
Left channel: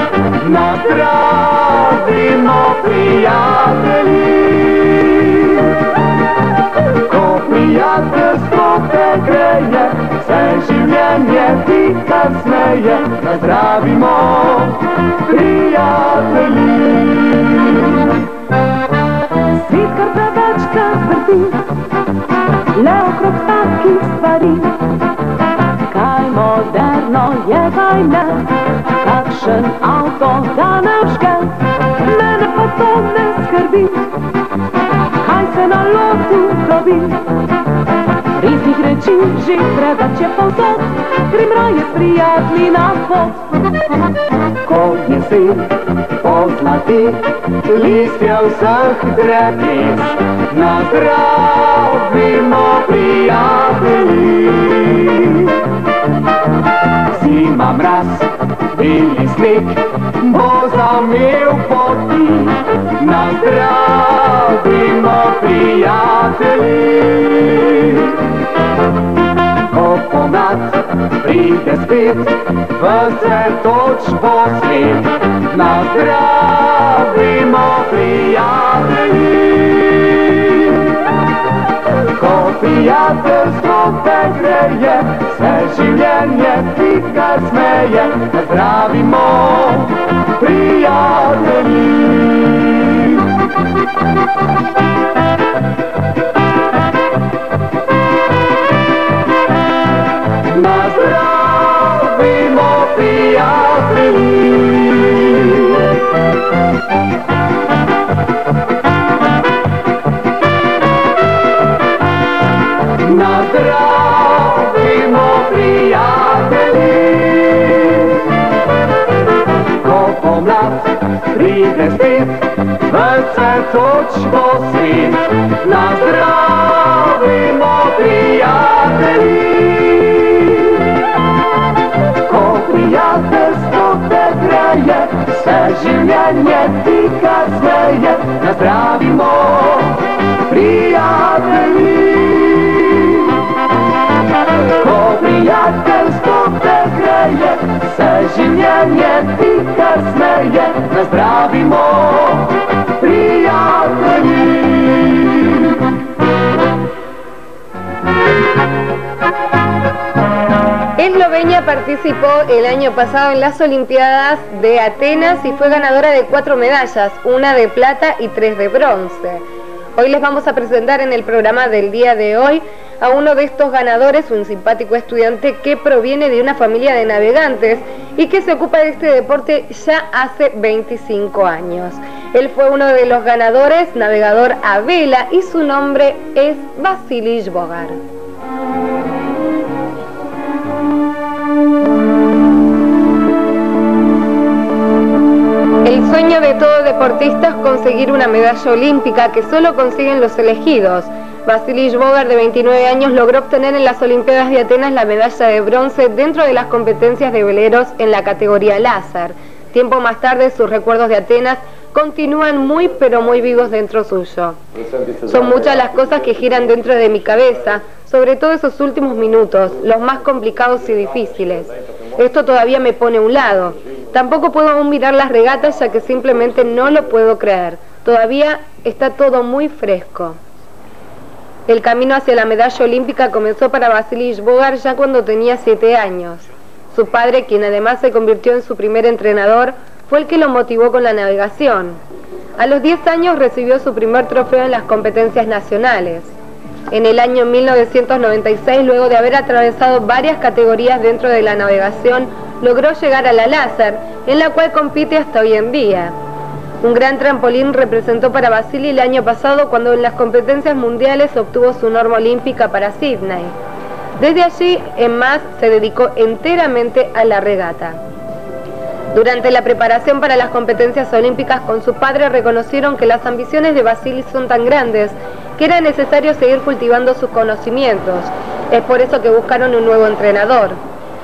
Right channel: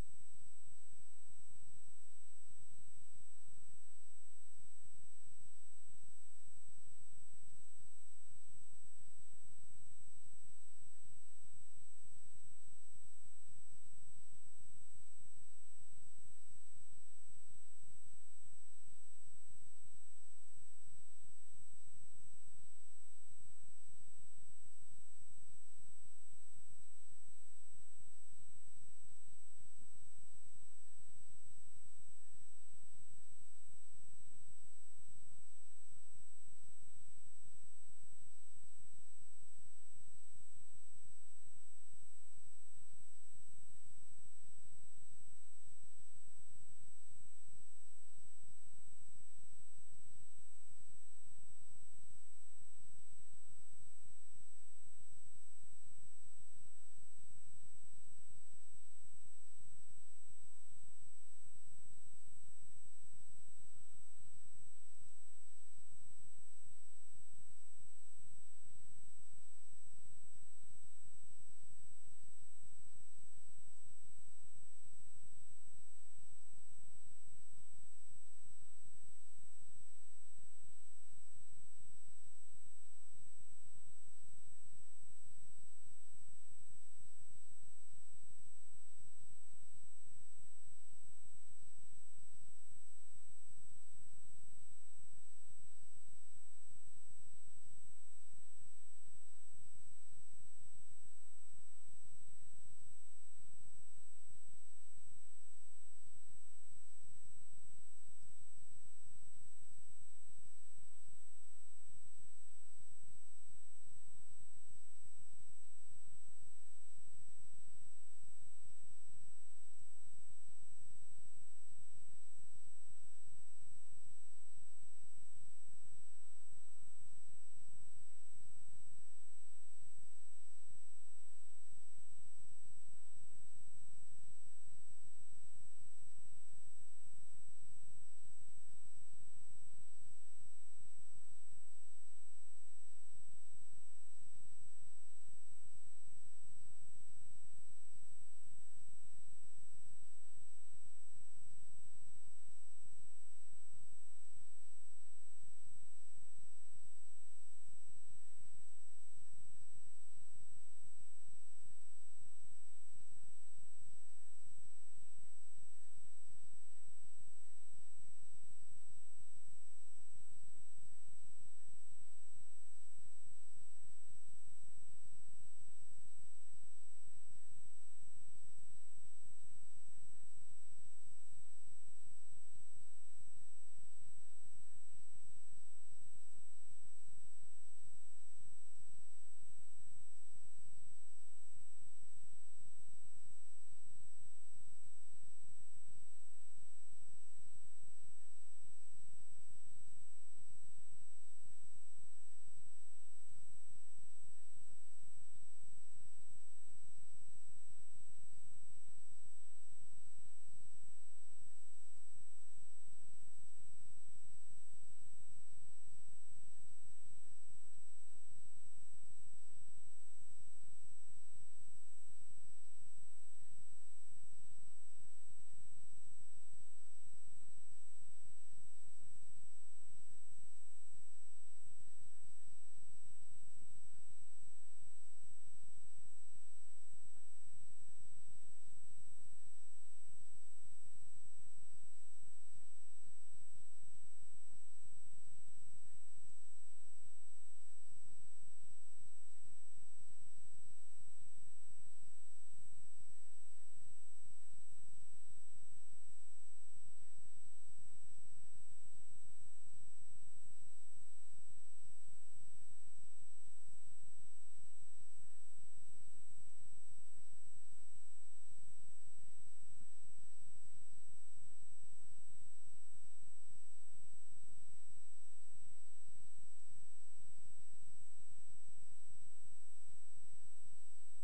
nazdravimo prijatelji. Ko prijateljstvo te greje, vse življenje ti kar smeje, nazdravimo prijatelji. Svet kar preveč se vrti, le okrog takih stvari. Kaj moderno je, kaj ne, kakšen avto ga ne vžge, mene pa to ne skrbi, kaj se na lotu dobi. Resnih reči že preveč je povsod, grem raje s prijatelji na pot. Ko jesen pozlati listje vseh dreves, nazdravimo prijatelji. Zima mraz, beli sneg bo zamel poti, nazdravimo prijatelji. Ko pomlad pride spet, ves cvetoč bo svet, nazdravimo prijatelji. Ko prijateljstvo te greje, vse življenje ti kar smeje, nazdravimo prijatelji. Nazdravimo prijatelji. Nazdravimo prijatelji. Ko pomlad pride spet, ves cvetoč bo svet, nazdravimo prijatelji. Ko prijateljstvo te greje, vse življenje ti kar smeje, nazdravimo prijatelji. Ko prijateljstvo te greje, vse življenje ti kar smeje, nazdravimo prijatelji. Eslovenia participó el año pasado en las Olimpiadas de Atenas y fue ganadora de 4 medallas, 1 de plata y 3 de bronce. Hoy les vamos a presentar en el programa del día de hoy a uno de estos ganadores, un simpático estudiante que proviene de una familia de navegantes y que se ocupa de este deporte ya hace 25 años. Él fue uno de los ganadores, navegador a vela, y su nombre es Vasily Žbogar. El sueño de todo deportista es conseguir una medalla olímpica que solo consiguen los elegidos. Vasily Žbogar, de 29 años, logró obtener en las Olimpiadas de Atenas la medalla de bronce dentro de las competencias de veleros en la categoría láser. Tiempo más tarde, sus recuerdos de Atenas continúan muy pero muy vivos dentro suyo. Son muchas las cosas que giran dentro de mi cabeza, sobre todo esos últimos minutos, los más complicados y difíciles. Esto todavía me pone a un lado. Tampoco puedo aún mirar las regatas, ya que simplemente no lo puedo creer. Todavía está todo muy fresco. El camino hacia la medalla olímpica comenzó para Vasily Žbogar ya cuando tenía 7 años. Su padre, quien además se convirtió en su primer entrenador, fue el que lo motivó con la navegación. A los 10 años recibió su primer trofeo en las competencias nacionales. En el año 1996, luego de haber atravesado varias categorías dentro de la navegación, logró llegar a la láser, en la cual compite hasta hoy en día. Un gran trampolín representó para Vasily el año pasado cuando en las competencias mundiales obtuvo su norma olímpica para Sydney. Desde allí en más se dedicó enteramente a la regata. Durante la preparación para las competencias olímpicas con su padre reconocieron que las ambiciones de Vasily son tan grandes que era necesario seguir cultivando sus conocimientos. Es por eso que buscaron un nuevo entrenador.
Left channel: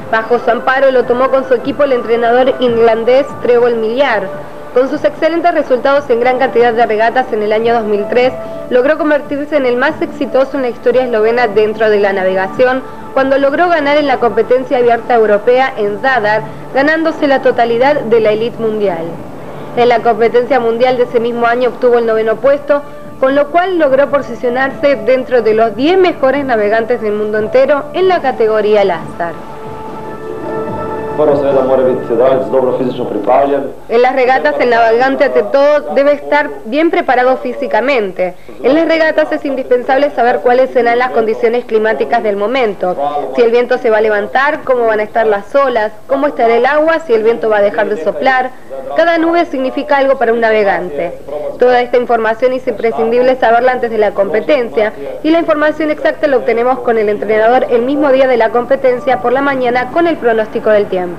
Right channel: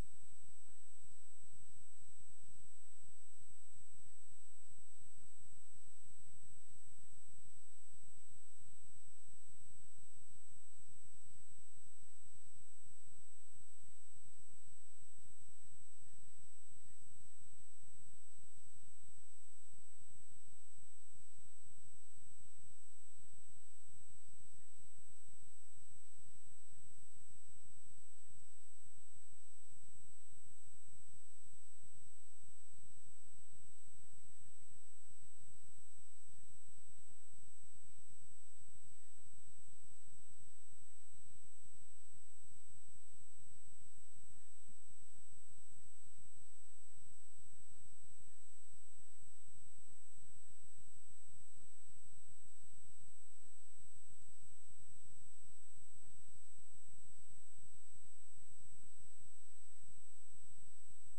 Bajo su amparo lo tomó con su equipo el entrenador irlandés Trevor Millar. Con sus excelentes resultados en gran cantidad de regatas en el año 2003, logró convertirse en el más exitoso en la historia eslovena dentro de la navegación, cuando logró ganar en la competencia abierta europea en Zadar, ganándose la totalidad de la élite mundial. En la competencia mundial de ese mismo año obtuvo el 9º puesto, con lo cual logró posicionarse dentro de los 10 mejores navegantes del mundo entero en la categoría láser. En las regatas el navegante ante todo debe estar bien preparado físicamente. En las regatas es indispensable saber cuáles serán las condiciones climáticas del momento, si el viento se va a levantar, cómo van a estar las olas, cómo estará el agua, si el viento va a dejar de soplar. Cada nube significa algo para un navegante. Toda esta información es imprescindible saberla antes de la competencia, y la información exacta la obtenemos con el entrenador el mismo día de la competencia por la mañana con el pronóstico del tiempo.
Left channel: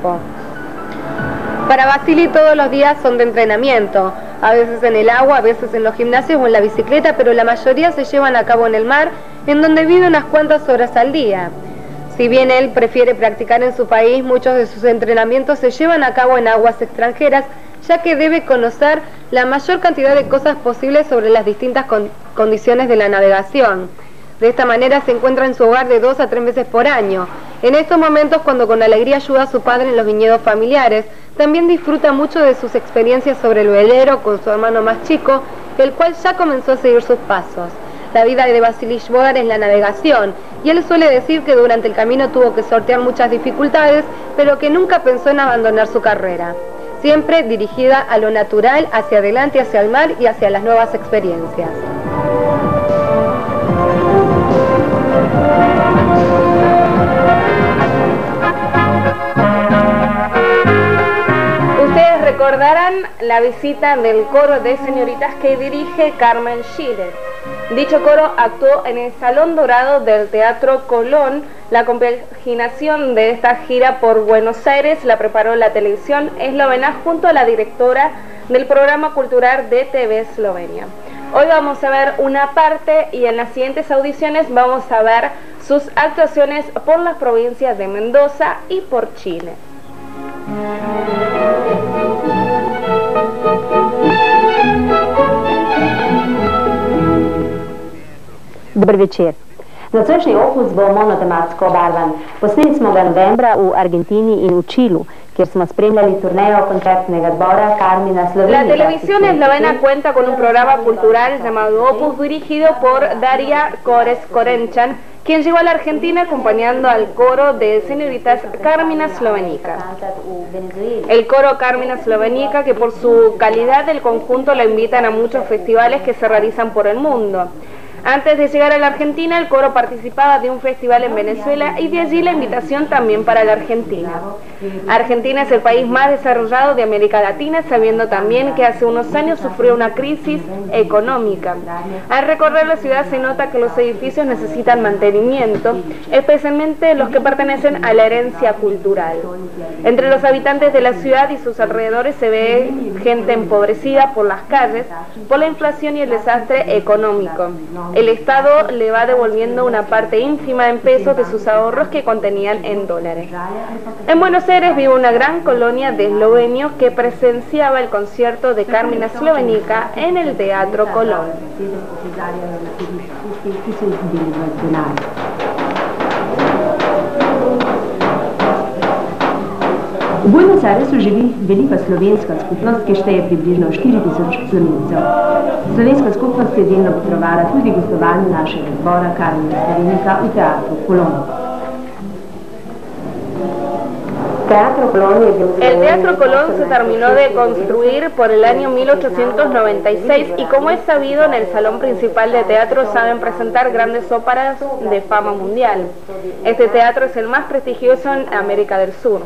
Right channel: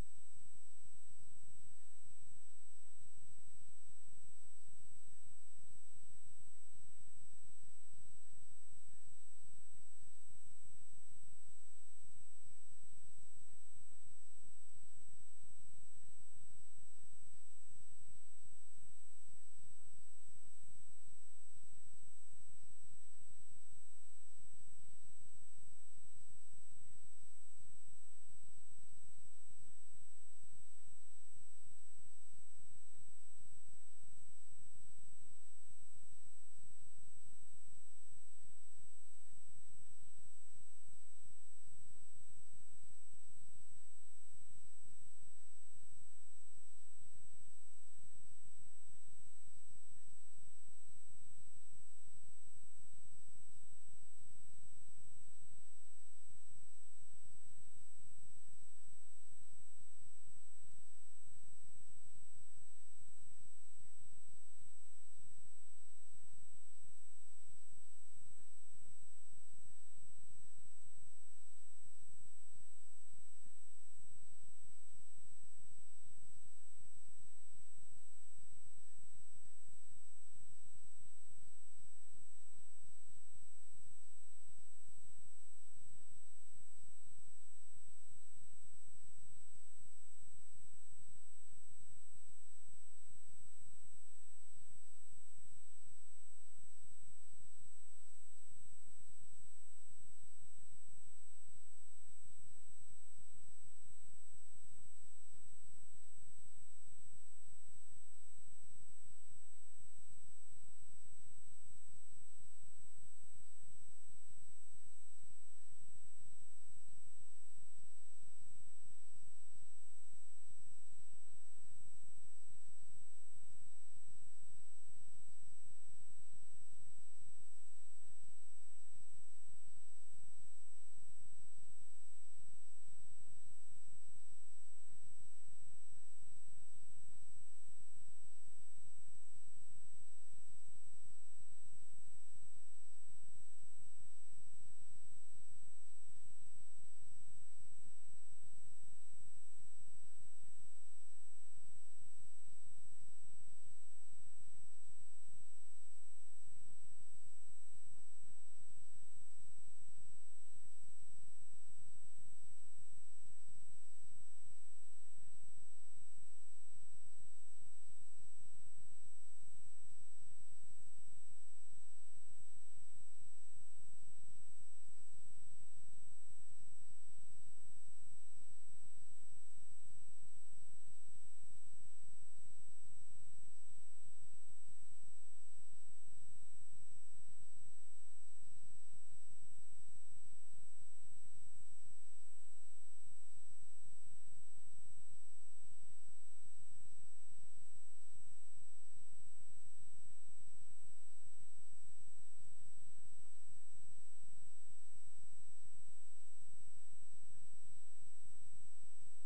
Para Vasily todos los días son de entrenamiento, a veces en el agua, a veces en los gimnasios o en la bicicleta, pero la mayoría se llevan a cabo en el mar, en donde vive unas cuantas horas al día. Si bien él prefiere practicar en su país, muchos de sus entrenamientos se llevan a cabo en aguas extranjeras, ya que debe conocer la mayor cantidad de cosas posibles sobre las distintas condiciones de la navegación. De esta manera se encuentra en su hogar de 2 a 3 veces por año. En estos momentos, cuando con alegría ayuda a su padre en los viñedos familiares, también disfruta mucho de sus experiencias sobre el velero con su hermano más chico, el cual ya comenzó a seguir sus pasos. La vida de Vasily Žbogar es la navegación, y él suele decir que durante el camino tuvo que sortear muchas dificultades, pero que nunca pensó en abandonar su carrera. Siempre dirigida a lo natural, hacia adelante, hacia el mar y hacia las nuevas experiencias. Recordarán la visita del coro de señoritas que dirige Carmen Schiller. Dicho coro actuó en el Salón Dorado del Teatro Colón. La compaginación de esta gira por Buenos Aires la preparó la televisión eslovena junto a la directora del programa cultural de TV Eslovenia. Hoy vamos a ver una parte y en las siguientes audiciones vamos a ver sus actuaciones por las provincias de Mendoza y por Chile. Dober večer. Nocojšnji opus bo monotematsko obarvan. Posneli smo ga novembra v Argentini in v Čilu. kjer smo spremljali turnejo koncertnega zbora Carmina Slovenika. La televisión eslovena cuenta con un programa cultural llamado Opus, dirigido por Daria Korez-Korenchan, quien llegó a la Argentina acompañando al coro de señoritas Carmina Slovenika. El coro Carmina Slovenika, que por su calidad del conjunto la invitan a muchos festivales que se realizan por el mundo. Antes de llegar a la Argentina, el coro participaba de un festival en Venezuela y de allí la invitación también para la Argentina. Argentina es el país más desarrollado de América Latina, sabiendo también que hace unos años sufrió una crisis económica. Al recorrer la ciudad se nota que los edificios necesitan mantenimiento, especialmente los que pertenecen a la herencia cultural. Entre los habitantes de la ciudad y sus alrededores se ve gente empobrecida por las calles, por la inflación y el desastre económico. El Estado le va devolviendo una parte ínfima en pesos de sus ahorros que contenían en dólares. En Buenos Aires vive una gran colonia de eslovenios que presenciaba el concierto de Carmina Slovenika en el Teatro Colón. V Buenos Airesu živi velika slovenska skupnost, ki šteje približno 4000 slovencev. Slovenska skupnost je delno potrovala tudi gostovanju našega zbora Carmina Slovenika v Teatru Colón. El Teatro Colón se terminó de construir por el año 1896 y, como es sabido, en el salón principal de teatro saben presentar grandes óperas de fama mundial. Este teatro es el más prestigioso en América del Sur.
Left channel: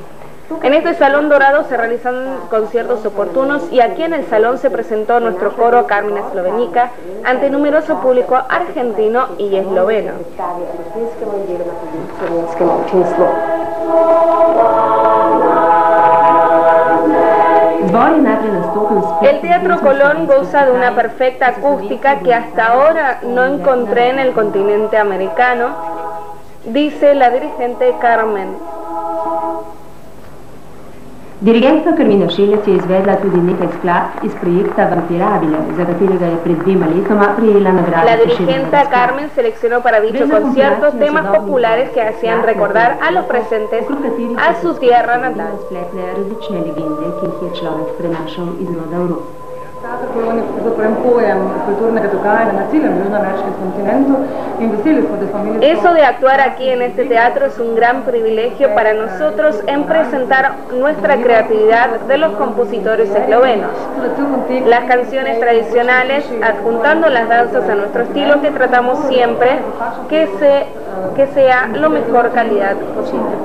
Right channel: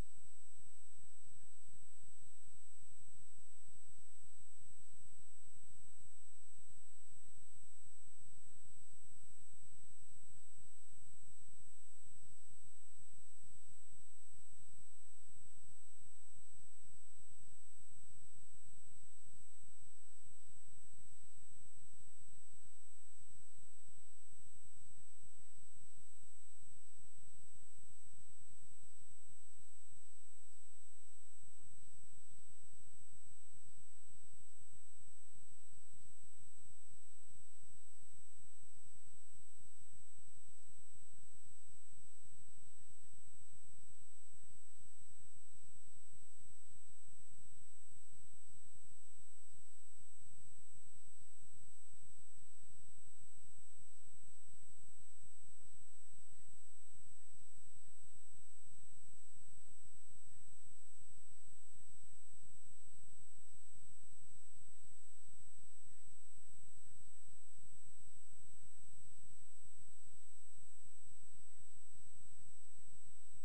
En este salón dorado se realizan conciertos oportunos y aquí en el salón se presentó nuestro coro Carmina Slovenika ante numeroso público argentino y esloveno. El Teatro Colón goza de una perfecta acústica que hasta ahora no encontré en el continente americano, dice la dirigente Carmen. Dirigentka Carmina Šelec je izvedla tudi nekaj skladb iz projekta Vampirabile, za katerega je pred 2 letoma prejela nagrado. La dirigente Carmen seleccionó para dicho concierto temas populares que hacían recordar a los presentes a su tierra natal. Različne legende, ki jih je človek prenašal iz roda v rod. Teatro Colón je pravzaprav pojem kulturnega dogajanja na celem južnoameriškem kontinentu in veseli smo, da smo imeli... Eso de actuar aquí en este teatro es un gran privilegio para nosotros en presentar nuestra creatividad de los compositores eslovenos. Las canciones tradicionales, adjuntando las danzas a nuestro estilo, que tratamos siempre que sea lo mejor calidad posible.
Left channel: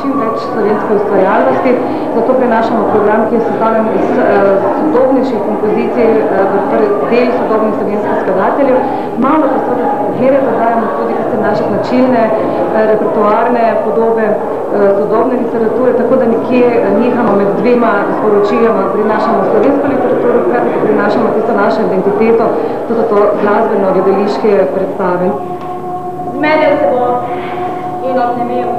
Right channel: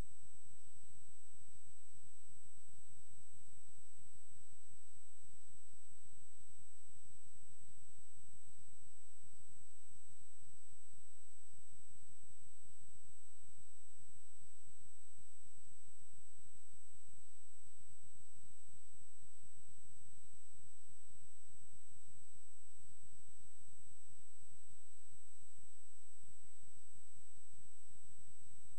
Čim več slovenske ustvarjalnosti, zato prinašamo program, ki je sestavljen iz sodobnejših kompozicij, del sodobnih slovenskih skladateljev. Malo posebej dodajamo tudi tiste naše značilne repertoarne podobe sodobne literature, tako da nekje nihamo med dvema sporočiloma, prinašamo slovensko literaturo, hkrati pa prinašamo tisto našo identiteto, tudi to glasbeno gledališke predstave. Zmedel se bo in obnemel.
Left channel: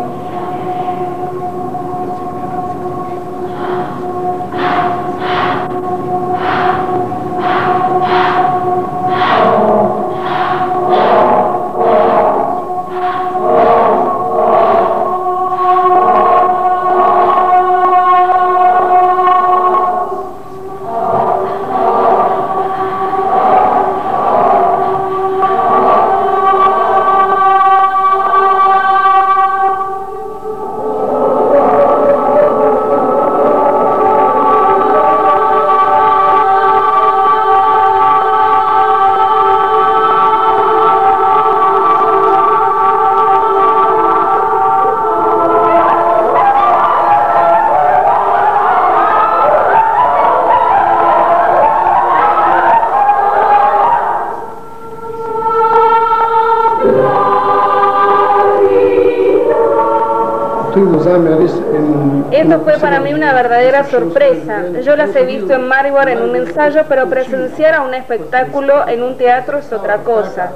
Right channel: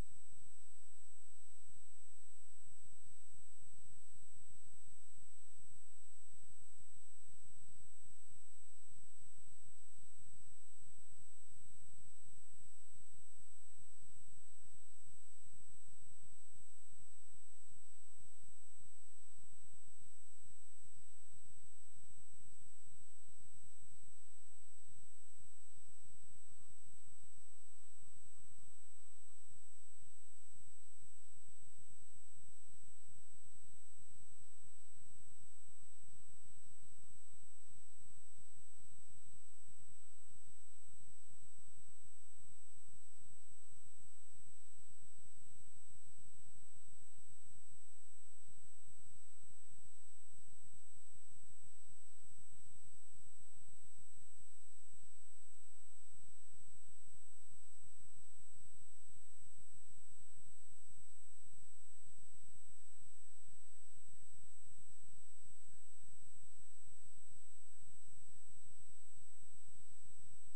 Esto fue para mí una verdadera sorpresa. Yo las he visto en Maribor en un ensayo, pero presenciar a un espectáculo en un teatro es otra cosa.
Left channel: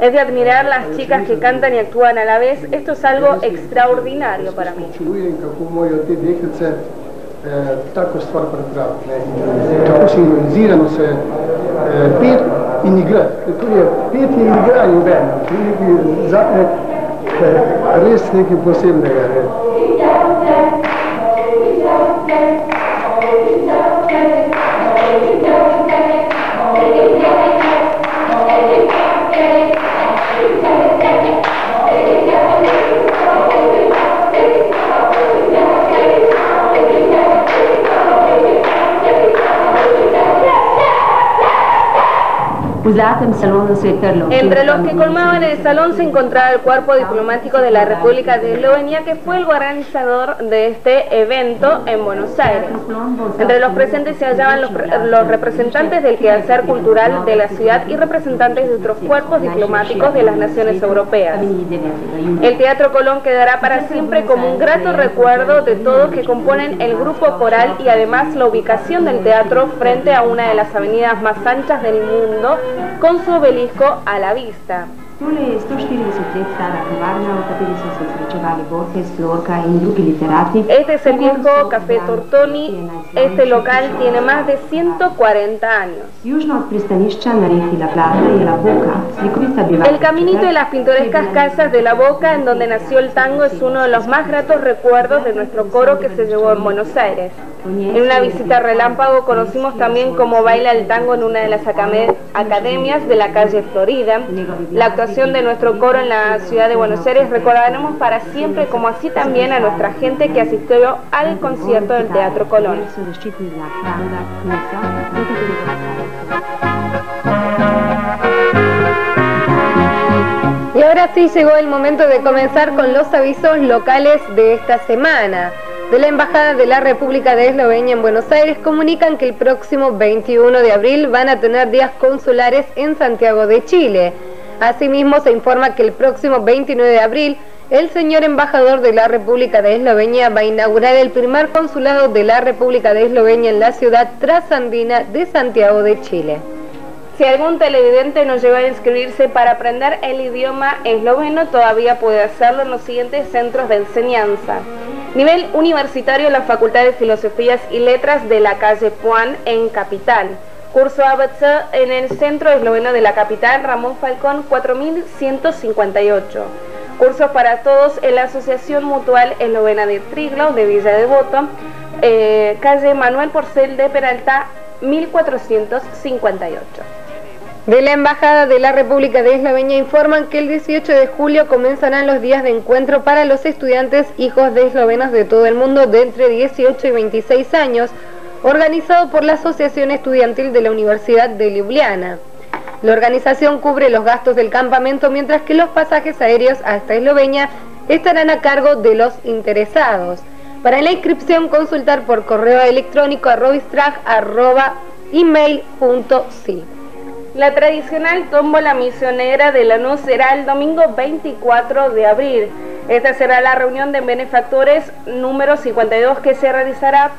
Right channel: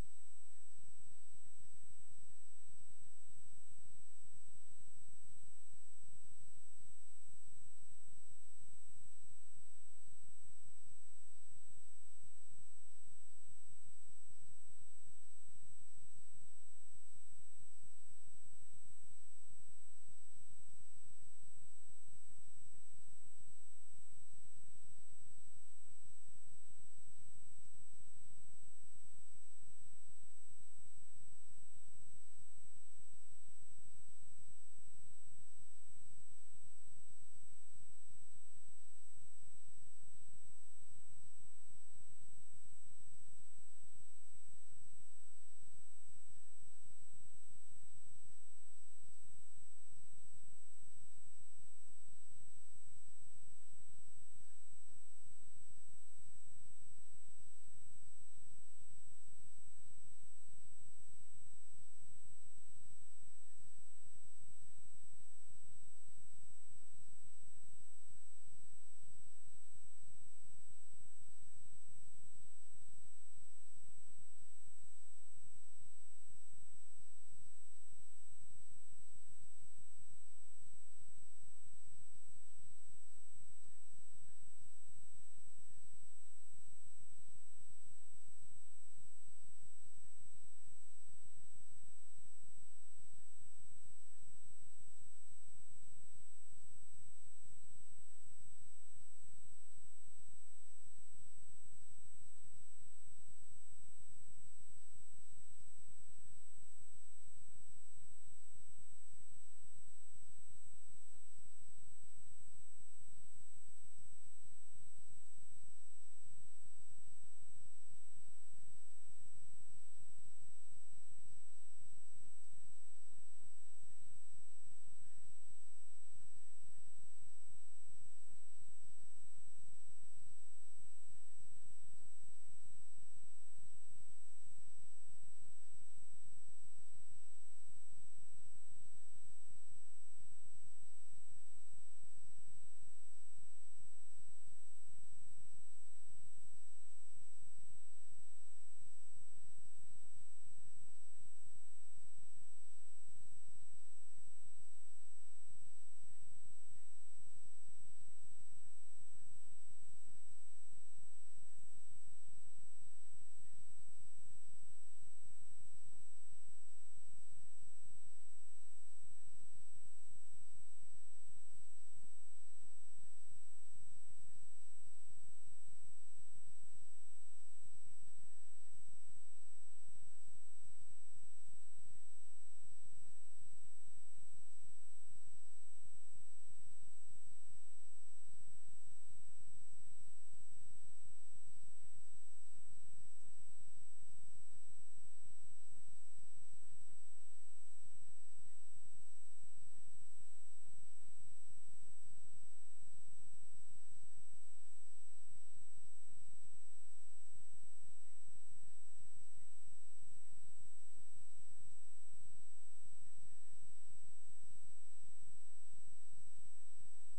Es de admirar las chicas que cantan y actúan a la vez. Esto es algo extraordinario para mí. Tako stvar pripraviti. Tako sinhronizirano se pet in igra. Tudi pet in igra in bend. Res nekaj posebnega. Entre los que colmaban el salón se encontraba el cuerpo diplomático de la República de Eslovenia, que fue el organizador de este evento en Buenos Aires. Entre los presentes se hallaban los representantes del quehacer cultural de la ciudad y representantes de otros cuerpos diplomáticos de las naciones europeas. El Teatro Colón quedará para siempre como un grato recuerdo de todos que componen el grupo coral y además la ubicación del teatro frente a una de las avenidas más anchas del mundo, con su obelisco a la vista. Este es el viejo Café Tortoni. Este local tiene más de 140 años. El caminito y las pintorescas casas de la Boca, en donde nació el tango, es uno de los más gratos recuerdos de nuestro coro que se llevó en Buenos Aires. En una visita relámpago conocimos también cómo baila el tango en una de las academias de la calle Florida. La actuación de nuestro coro en la ciudad de Buenos Aires recordaremos para siempre, como así también a nuestra gente que asistió al concierto del Teatro Colón. Y ahora sí llegó el momento de comenzar con los avisos locales de esta semana. De la Embajada de la República de Eslovenia en Buenos Aires comunican que el próximo 21 de abril van a tener días consulares en Santiago de Chile. Asimismo, se informa que el próximo 29 de abril el señor embajador de la República de Eslovenia va a inaugurar el primer consulado de la República de Eslovenia en la ciudad trasandina de Santiago de Chile. Si algún televidente nos llegó a inscribirse para aprender el idioma esloveno, todavía puede hacerlo en los siguientes centros de enseñanza. Nivel universitario en la Facultad de Filosofías y Letras de la calle Puan en Capital. Curso ABC en el Centro Esloveno de la Capital, Ramón Falcón 4158. Cursos para todos en la Asociación Mutual Eslovena de Triglav de Villa Devoto, calle Manuel Porcel de Peralta 1458. De la Embajada de la República de Eslovenia informan que el 18 de julio comenzarán los días de encuentro para los estudiantes hijos de eslovenos de todo el mundo de entre 18 y 26 años, organizado por la Asociación Estudiantil de la Universidad de Ljubljana. La organización cubre los gastos del campamento, mientras que los pasajes aéreos hasta Eslovenia estarán a cargo de los interesados. Para la inscripción, consultar por correo electrónico a robistrag@email.si. La tradicional tómbola misionera de Lanús será el domingo 24 de abril. Esta será la reunión de benefactores número 52 que se realizará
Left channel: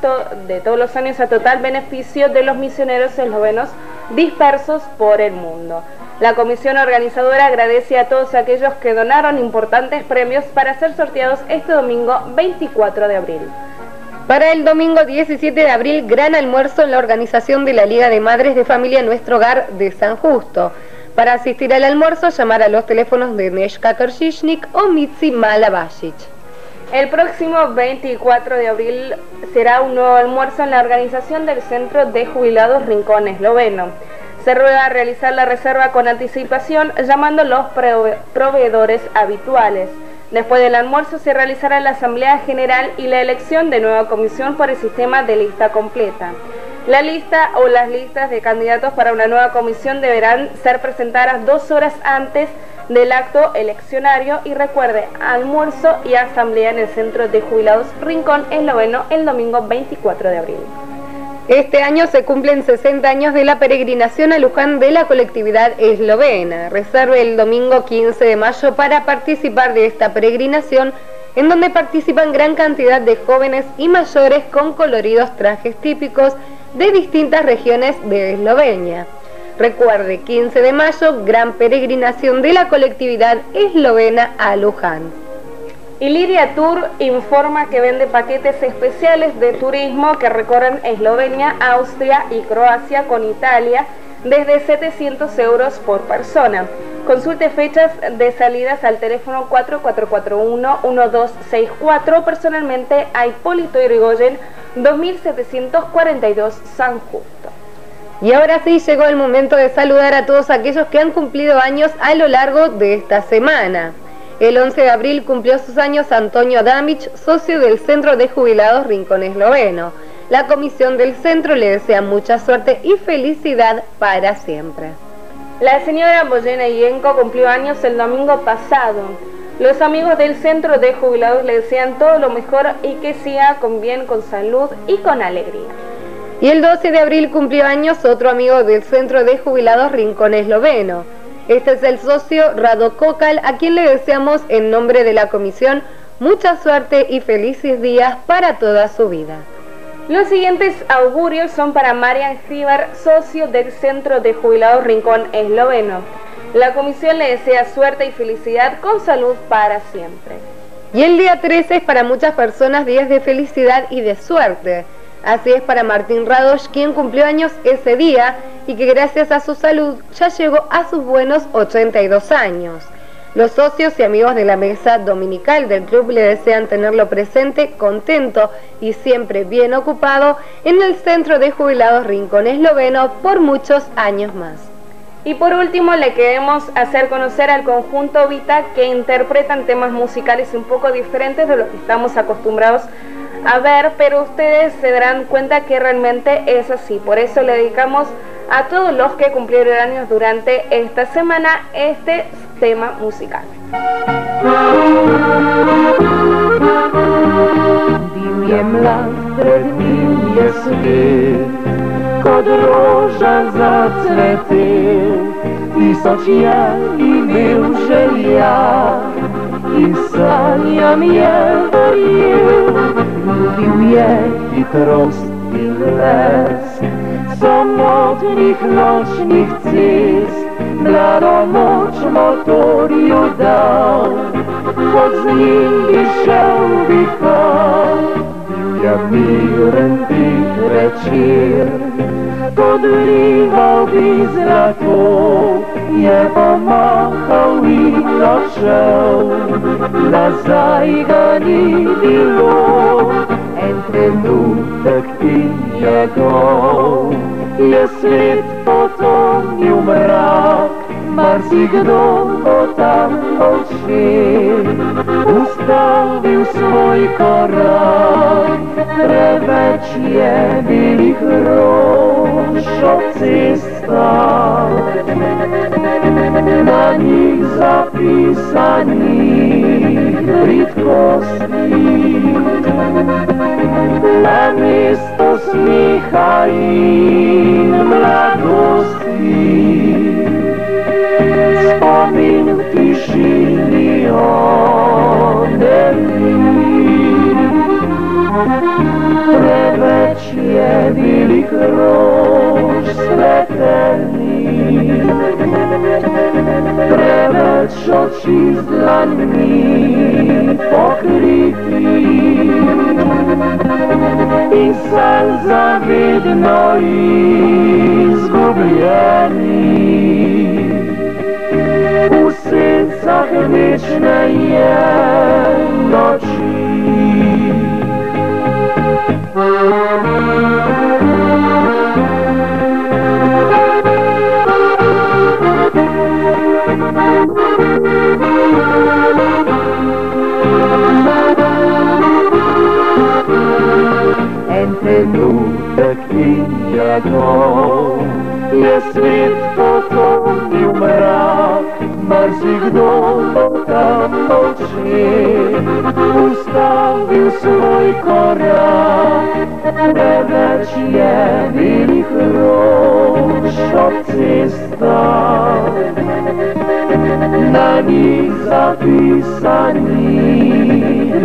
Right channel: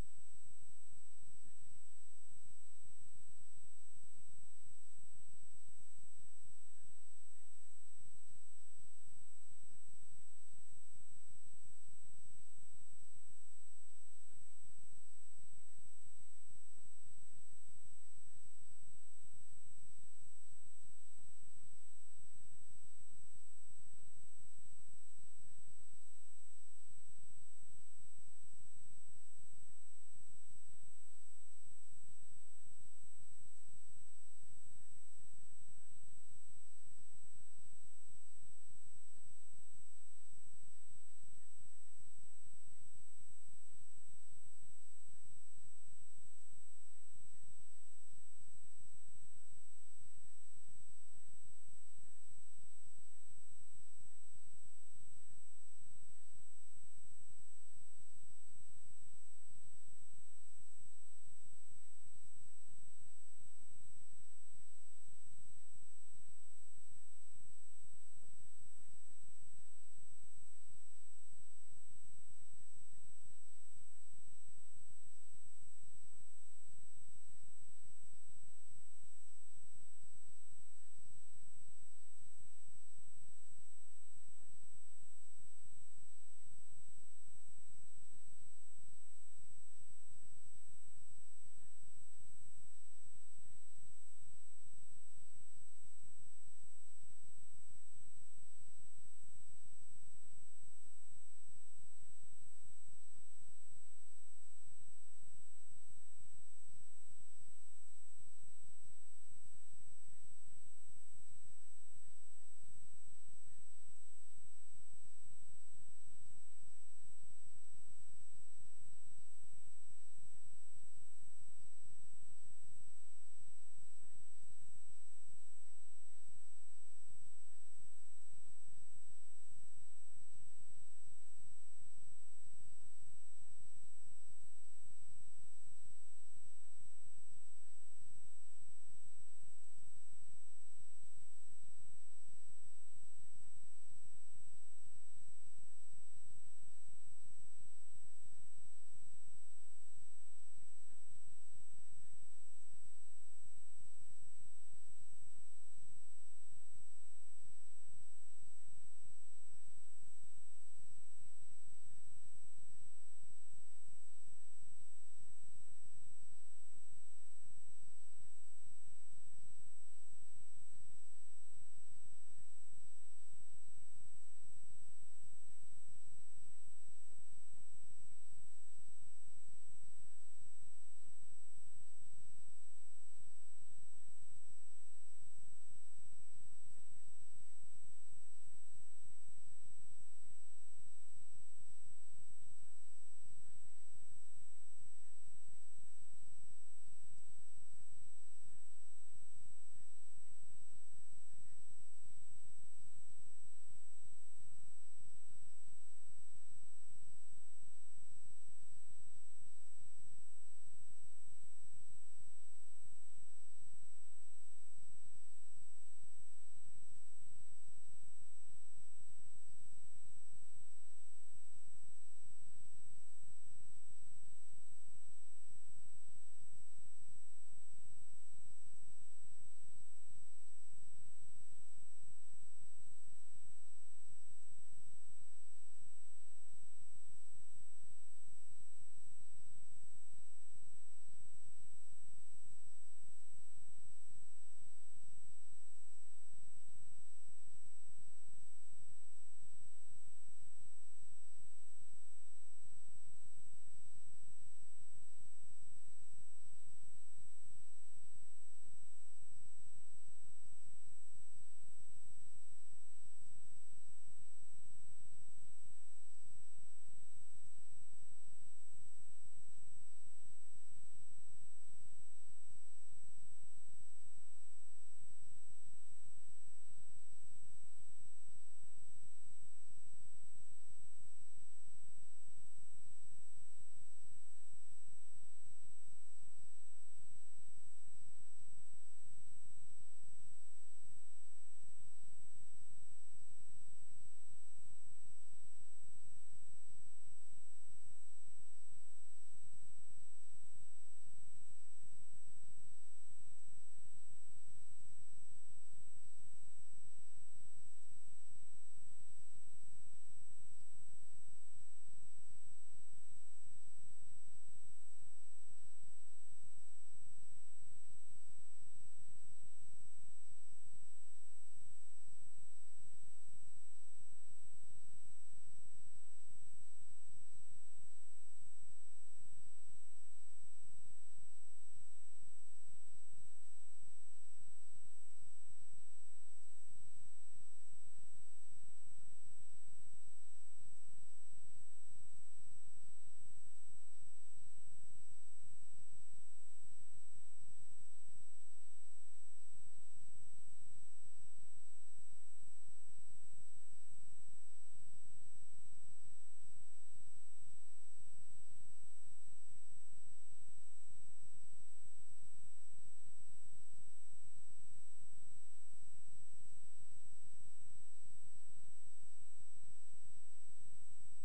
de todos los años a total beneficio de los misioneros eslovenos dispersos por el mundo. La comisión organizadora agradece a todos aquellos que donaron importantes premios para ser sorteados este domingo 24 de abril. Para el domingo 17 de abril, gran almuerzo en la organización de la Liga de Madres de Familia Nuestro Hogar de San Justo. Para asistir al almuerzo, llamar a los teléfonos de Neshka Kršišnik o Mitzi Malabasic. El próximo 24 de abril será un nuevo almuerzo en la organización del Centro de Jubilados Rincón Esloveno. Se ruega realizar la reserva con anticipación, llamando a los proveedores habituales. Después del almuerzo se realizará la Asamblea General y la elección de nueva comisión por el sistema de lista completa. La lista o las listas de candidatos para una nueva comisión deberán ser presentadas 2 horas antes del acto eleccionario y recuerde, almuerzo y asamblea en el Centro de Jubilados Rincón Esloveno el domingo 24 de abril. Este año se cumplen 60 años de la peregrinación a Luján de la colectividad eslovena. Reserve el domingo 15 de mayo para participar de esta peregrinación, en donde participan gran cantidad de jóvenes y mayores con coloridos trajes típicos de distintas regiones de Eslovenia. Recuerde, 15 de mayo, gran peregrinación de la colectividad eslovena a Luján. Iliria Tour informa que vende paquetes especiales de turismo que recorren Eslovenia, Austria y Croacia con Italia desde 700 euros por persona. Consulte fechas de salidas al teléfono 4441-1264, personalmente a Hipólito Yrigoyen, 2742 San Justo. Y ahora sí llegó el momento de saludar a todos aquellos que han cumplido años a lo largo de esta semana. El 11 de abril cumplió sus años Antonio Adamić, socio del Centro de Jubilados Rincón Esloveno. La comisión del centro le desea mucha suerte y felicidad para siempre. La señora Boyena Yenko cumplió años el domingo pasado. Los amigos del Centro de Jubilados le desean todo lo mejor y que siga con bien, con salud y con alegría. Y el 12 de abril cumplió años otro amigo del Centro de Jubilados Rincón Esloveno. Este es el socio Rado Kokal, a quien le deseamos en nombre de la comisión mucha suerte y felices días para toda su vida. Los siguientes augurios son para Marian Hribar, socio del Centro de Jubilados Rincón Esloveno. La comisión le desea suerte y felicidad con salud para siempre. Y el día 13 es para muchas personas días de felicidad y de suerte. Así es para Martín Radoš, quien cumplió años ese día y que gracias a su salud ya llegó a sus buenos 82 años. Los socios y amigos de la mesa dominical del club le desean tenerlo presente, contento y siempre bien ocupado en el Centro de Jubilados Rincón Esloveno por muchos años más. Y por último le queremos hacer conocer al conjunto Vita, que interpretan temas musicales un poco diferentes de lo que estamos acostumbrados a ver, pero ustedes se darán cuenta que realmente es así. Por eso le dedicamos a todos los que cumplieron años durante esta semana este tema musical. Kod roža zacvetel, tisoč je imel želja in sanjam je verjel. Ljubil je hitrost in les, samotnih nočnih cest, mlado moč motorju dal, kot z njim bi šel vihar. Bil je miren tih večer, podrival bi zlato, je pa mahal in odšel, nazaj ga ni bilo. En trenutek in njegov je svet potonil mrak, marsikdo bo tam odšel, ustavil svoj korak. Preveč je belih rož ob cestah, na njih zapisanih bridkosti. Namesto smeha in mladosti, spomin v tišini odeli. Preveč je belih rož svetelnih, preveč oči z dlanmi pokritih in sanj zavedno izgubljenih. V sencah večne je noči. En trenutek in njegov je svet potonil mrak, marsikdo bo tam odšel, ustavil svoj korak. Preveč je belih rož ob cestah, na njih zapisanih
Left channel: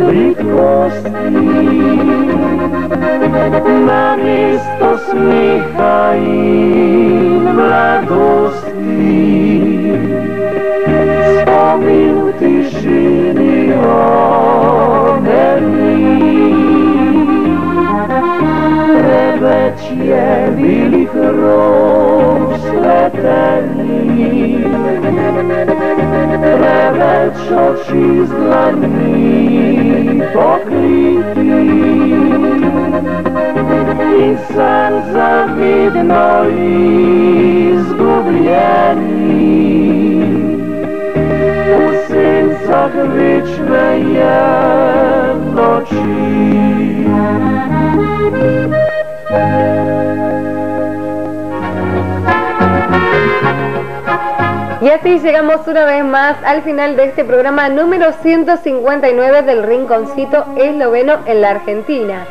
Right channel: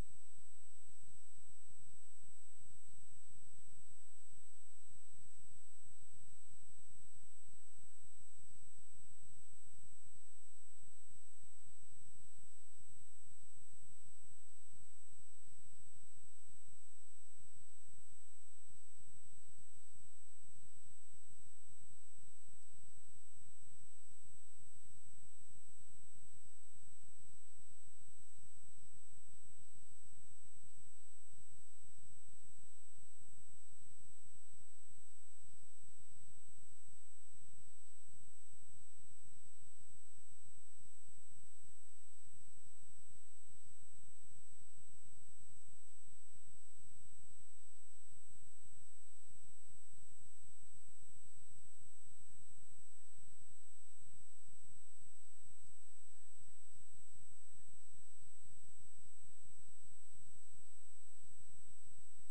bridkosti. Namesto smeha in mladosti, spomin v tišini odeli. Preveč je belih rož svetelnih, oči zlani pokriti i san zavidno izgubljeni u sencah večne jednoći. Y así llegamos una vez más al final de este programa número 159 del Rinconcito Esloveno en la Argentina.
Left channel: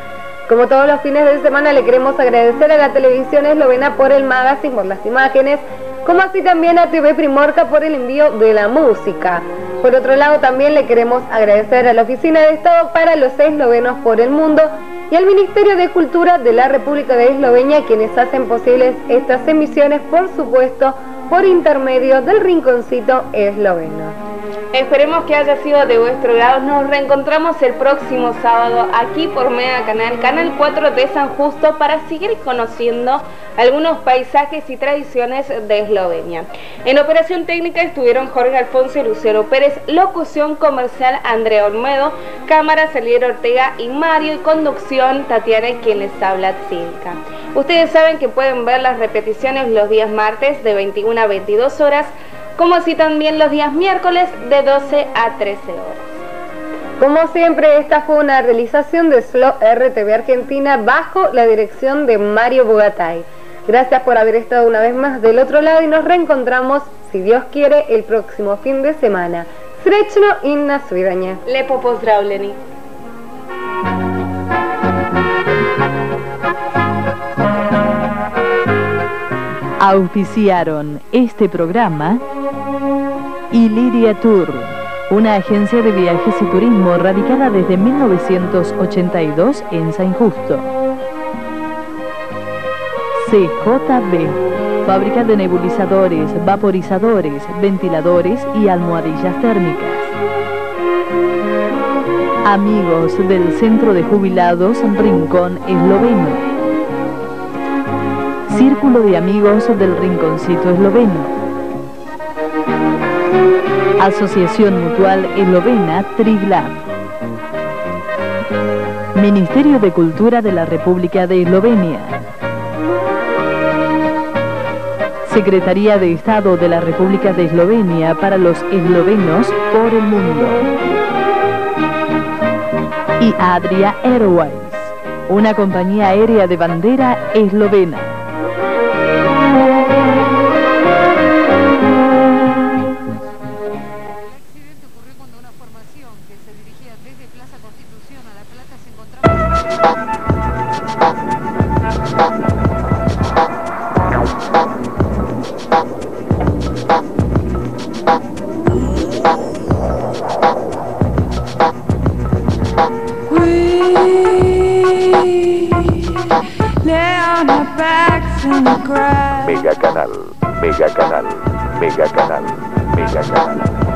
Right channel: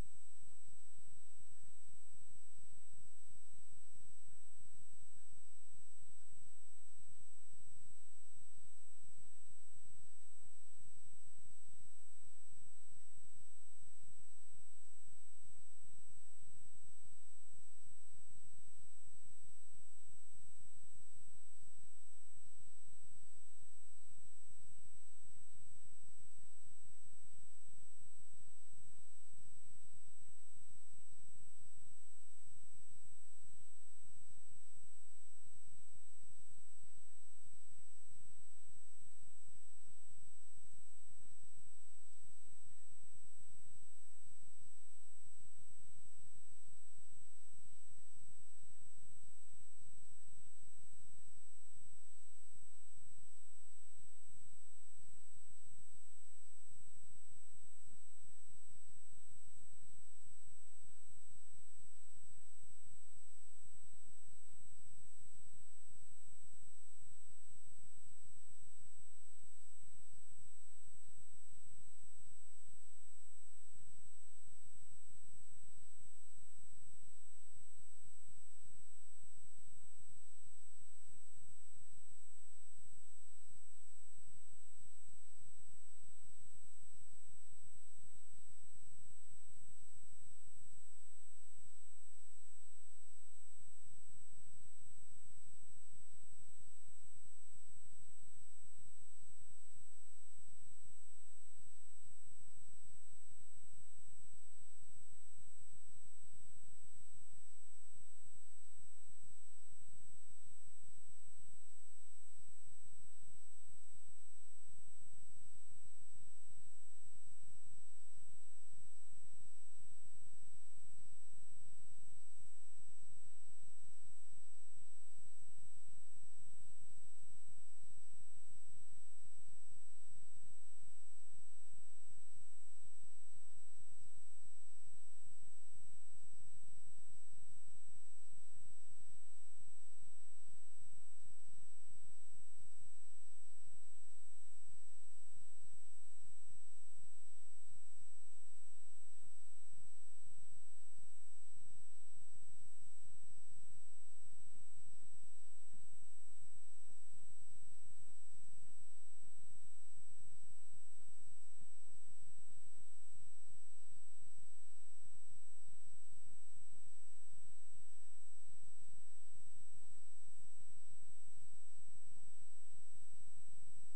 Como todos los fines de semana le queremos agradecer a la televisión eslovena por el magazine, por las imágenes, como así también a TV Primorka por el envío de la música. Por otro lado también le queremos agradecer a la Oficina de Estado para los Eslovenos por el Mundo y al Ministerio de Cultura de la República de Eslovenia, quienes hacen posibles estas emisiones, por supuesto, por intermedio del Rinconcito Esloveno. Esperemos que haya sido de vuestro agrado. Nos reencontramos el próximo sábado aquí por Mega Canal, Canal 4 de San Justo, para seguir conociendo algunos paisajes y tradiciones de Eslovenia. En operación técnica estuvieron Jorge Alfonso y Luciano Pérez, locución comercial Andrea Olmedo, cámara Saliero Ortega y Mario, y conducción Tatiana, quien les habla, Tsilka. Ustedes saben que pueden ver las repeticiones los días martes de 21 a 22 horas, como así también los días miércoles de 12 a 13 horas. Como siempre, esta fue una realización de SLO RTV Argentina bajo la dirección de Mario Bogatay. Gracias por haber estado una vez más del otro lado y nos reencontramos, si Dios quiere, el próximo fin de semana. Srećno i na svidanje. Lepo pozdravljeni. Auspiciaron este programa Iliria Tour, una agencia de viajes y turismo radicada desde 1982 en San Justo. CJB, fábrica de nebulizadores, vaporizadores, ventiladores y almohadillas térmicas. Amigos del Centro de Jubilados Rincón Esloveno. Círculo de Amigos del Rinconcito Esloveno. Asociación Mutual Eslovena Triglav. Ministerio de Cultura de la República de Eslovenia. Secretaría de Estado de la República de Eslovenia para los eslovenos por el mundo. Y Adria Airways, una compañía aérea de bandera eslovena. Mega Canal, Mega Canal, Mega Canal, Mega Canal.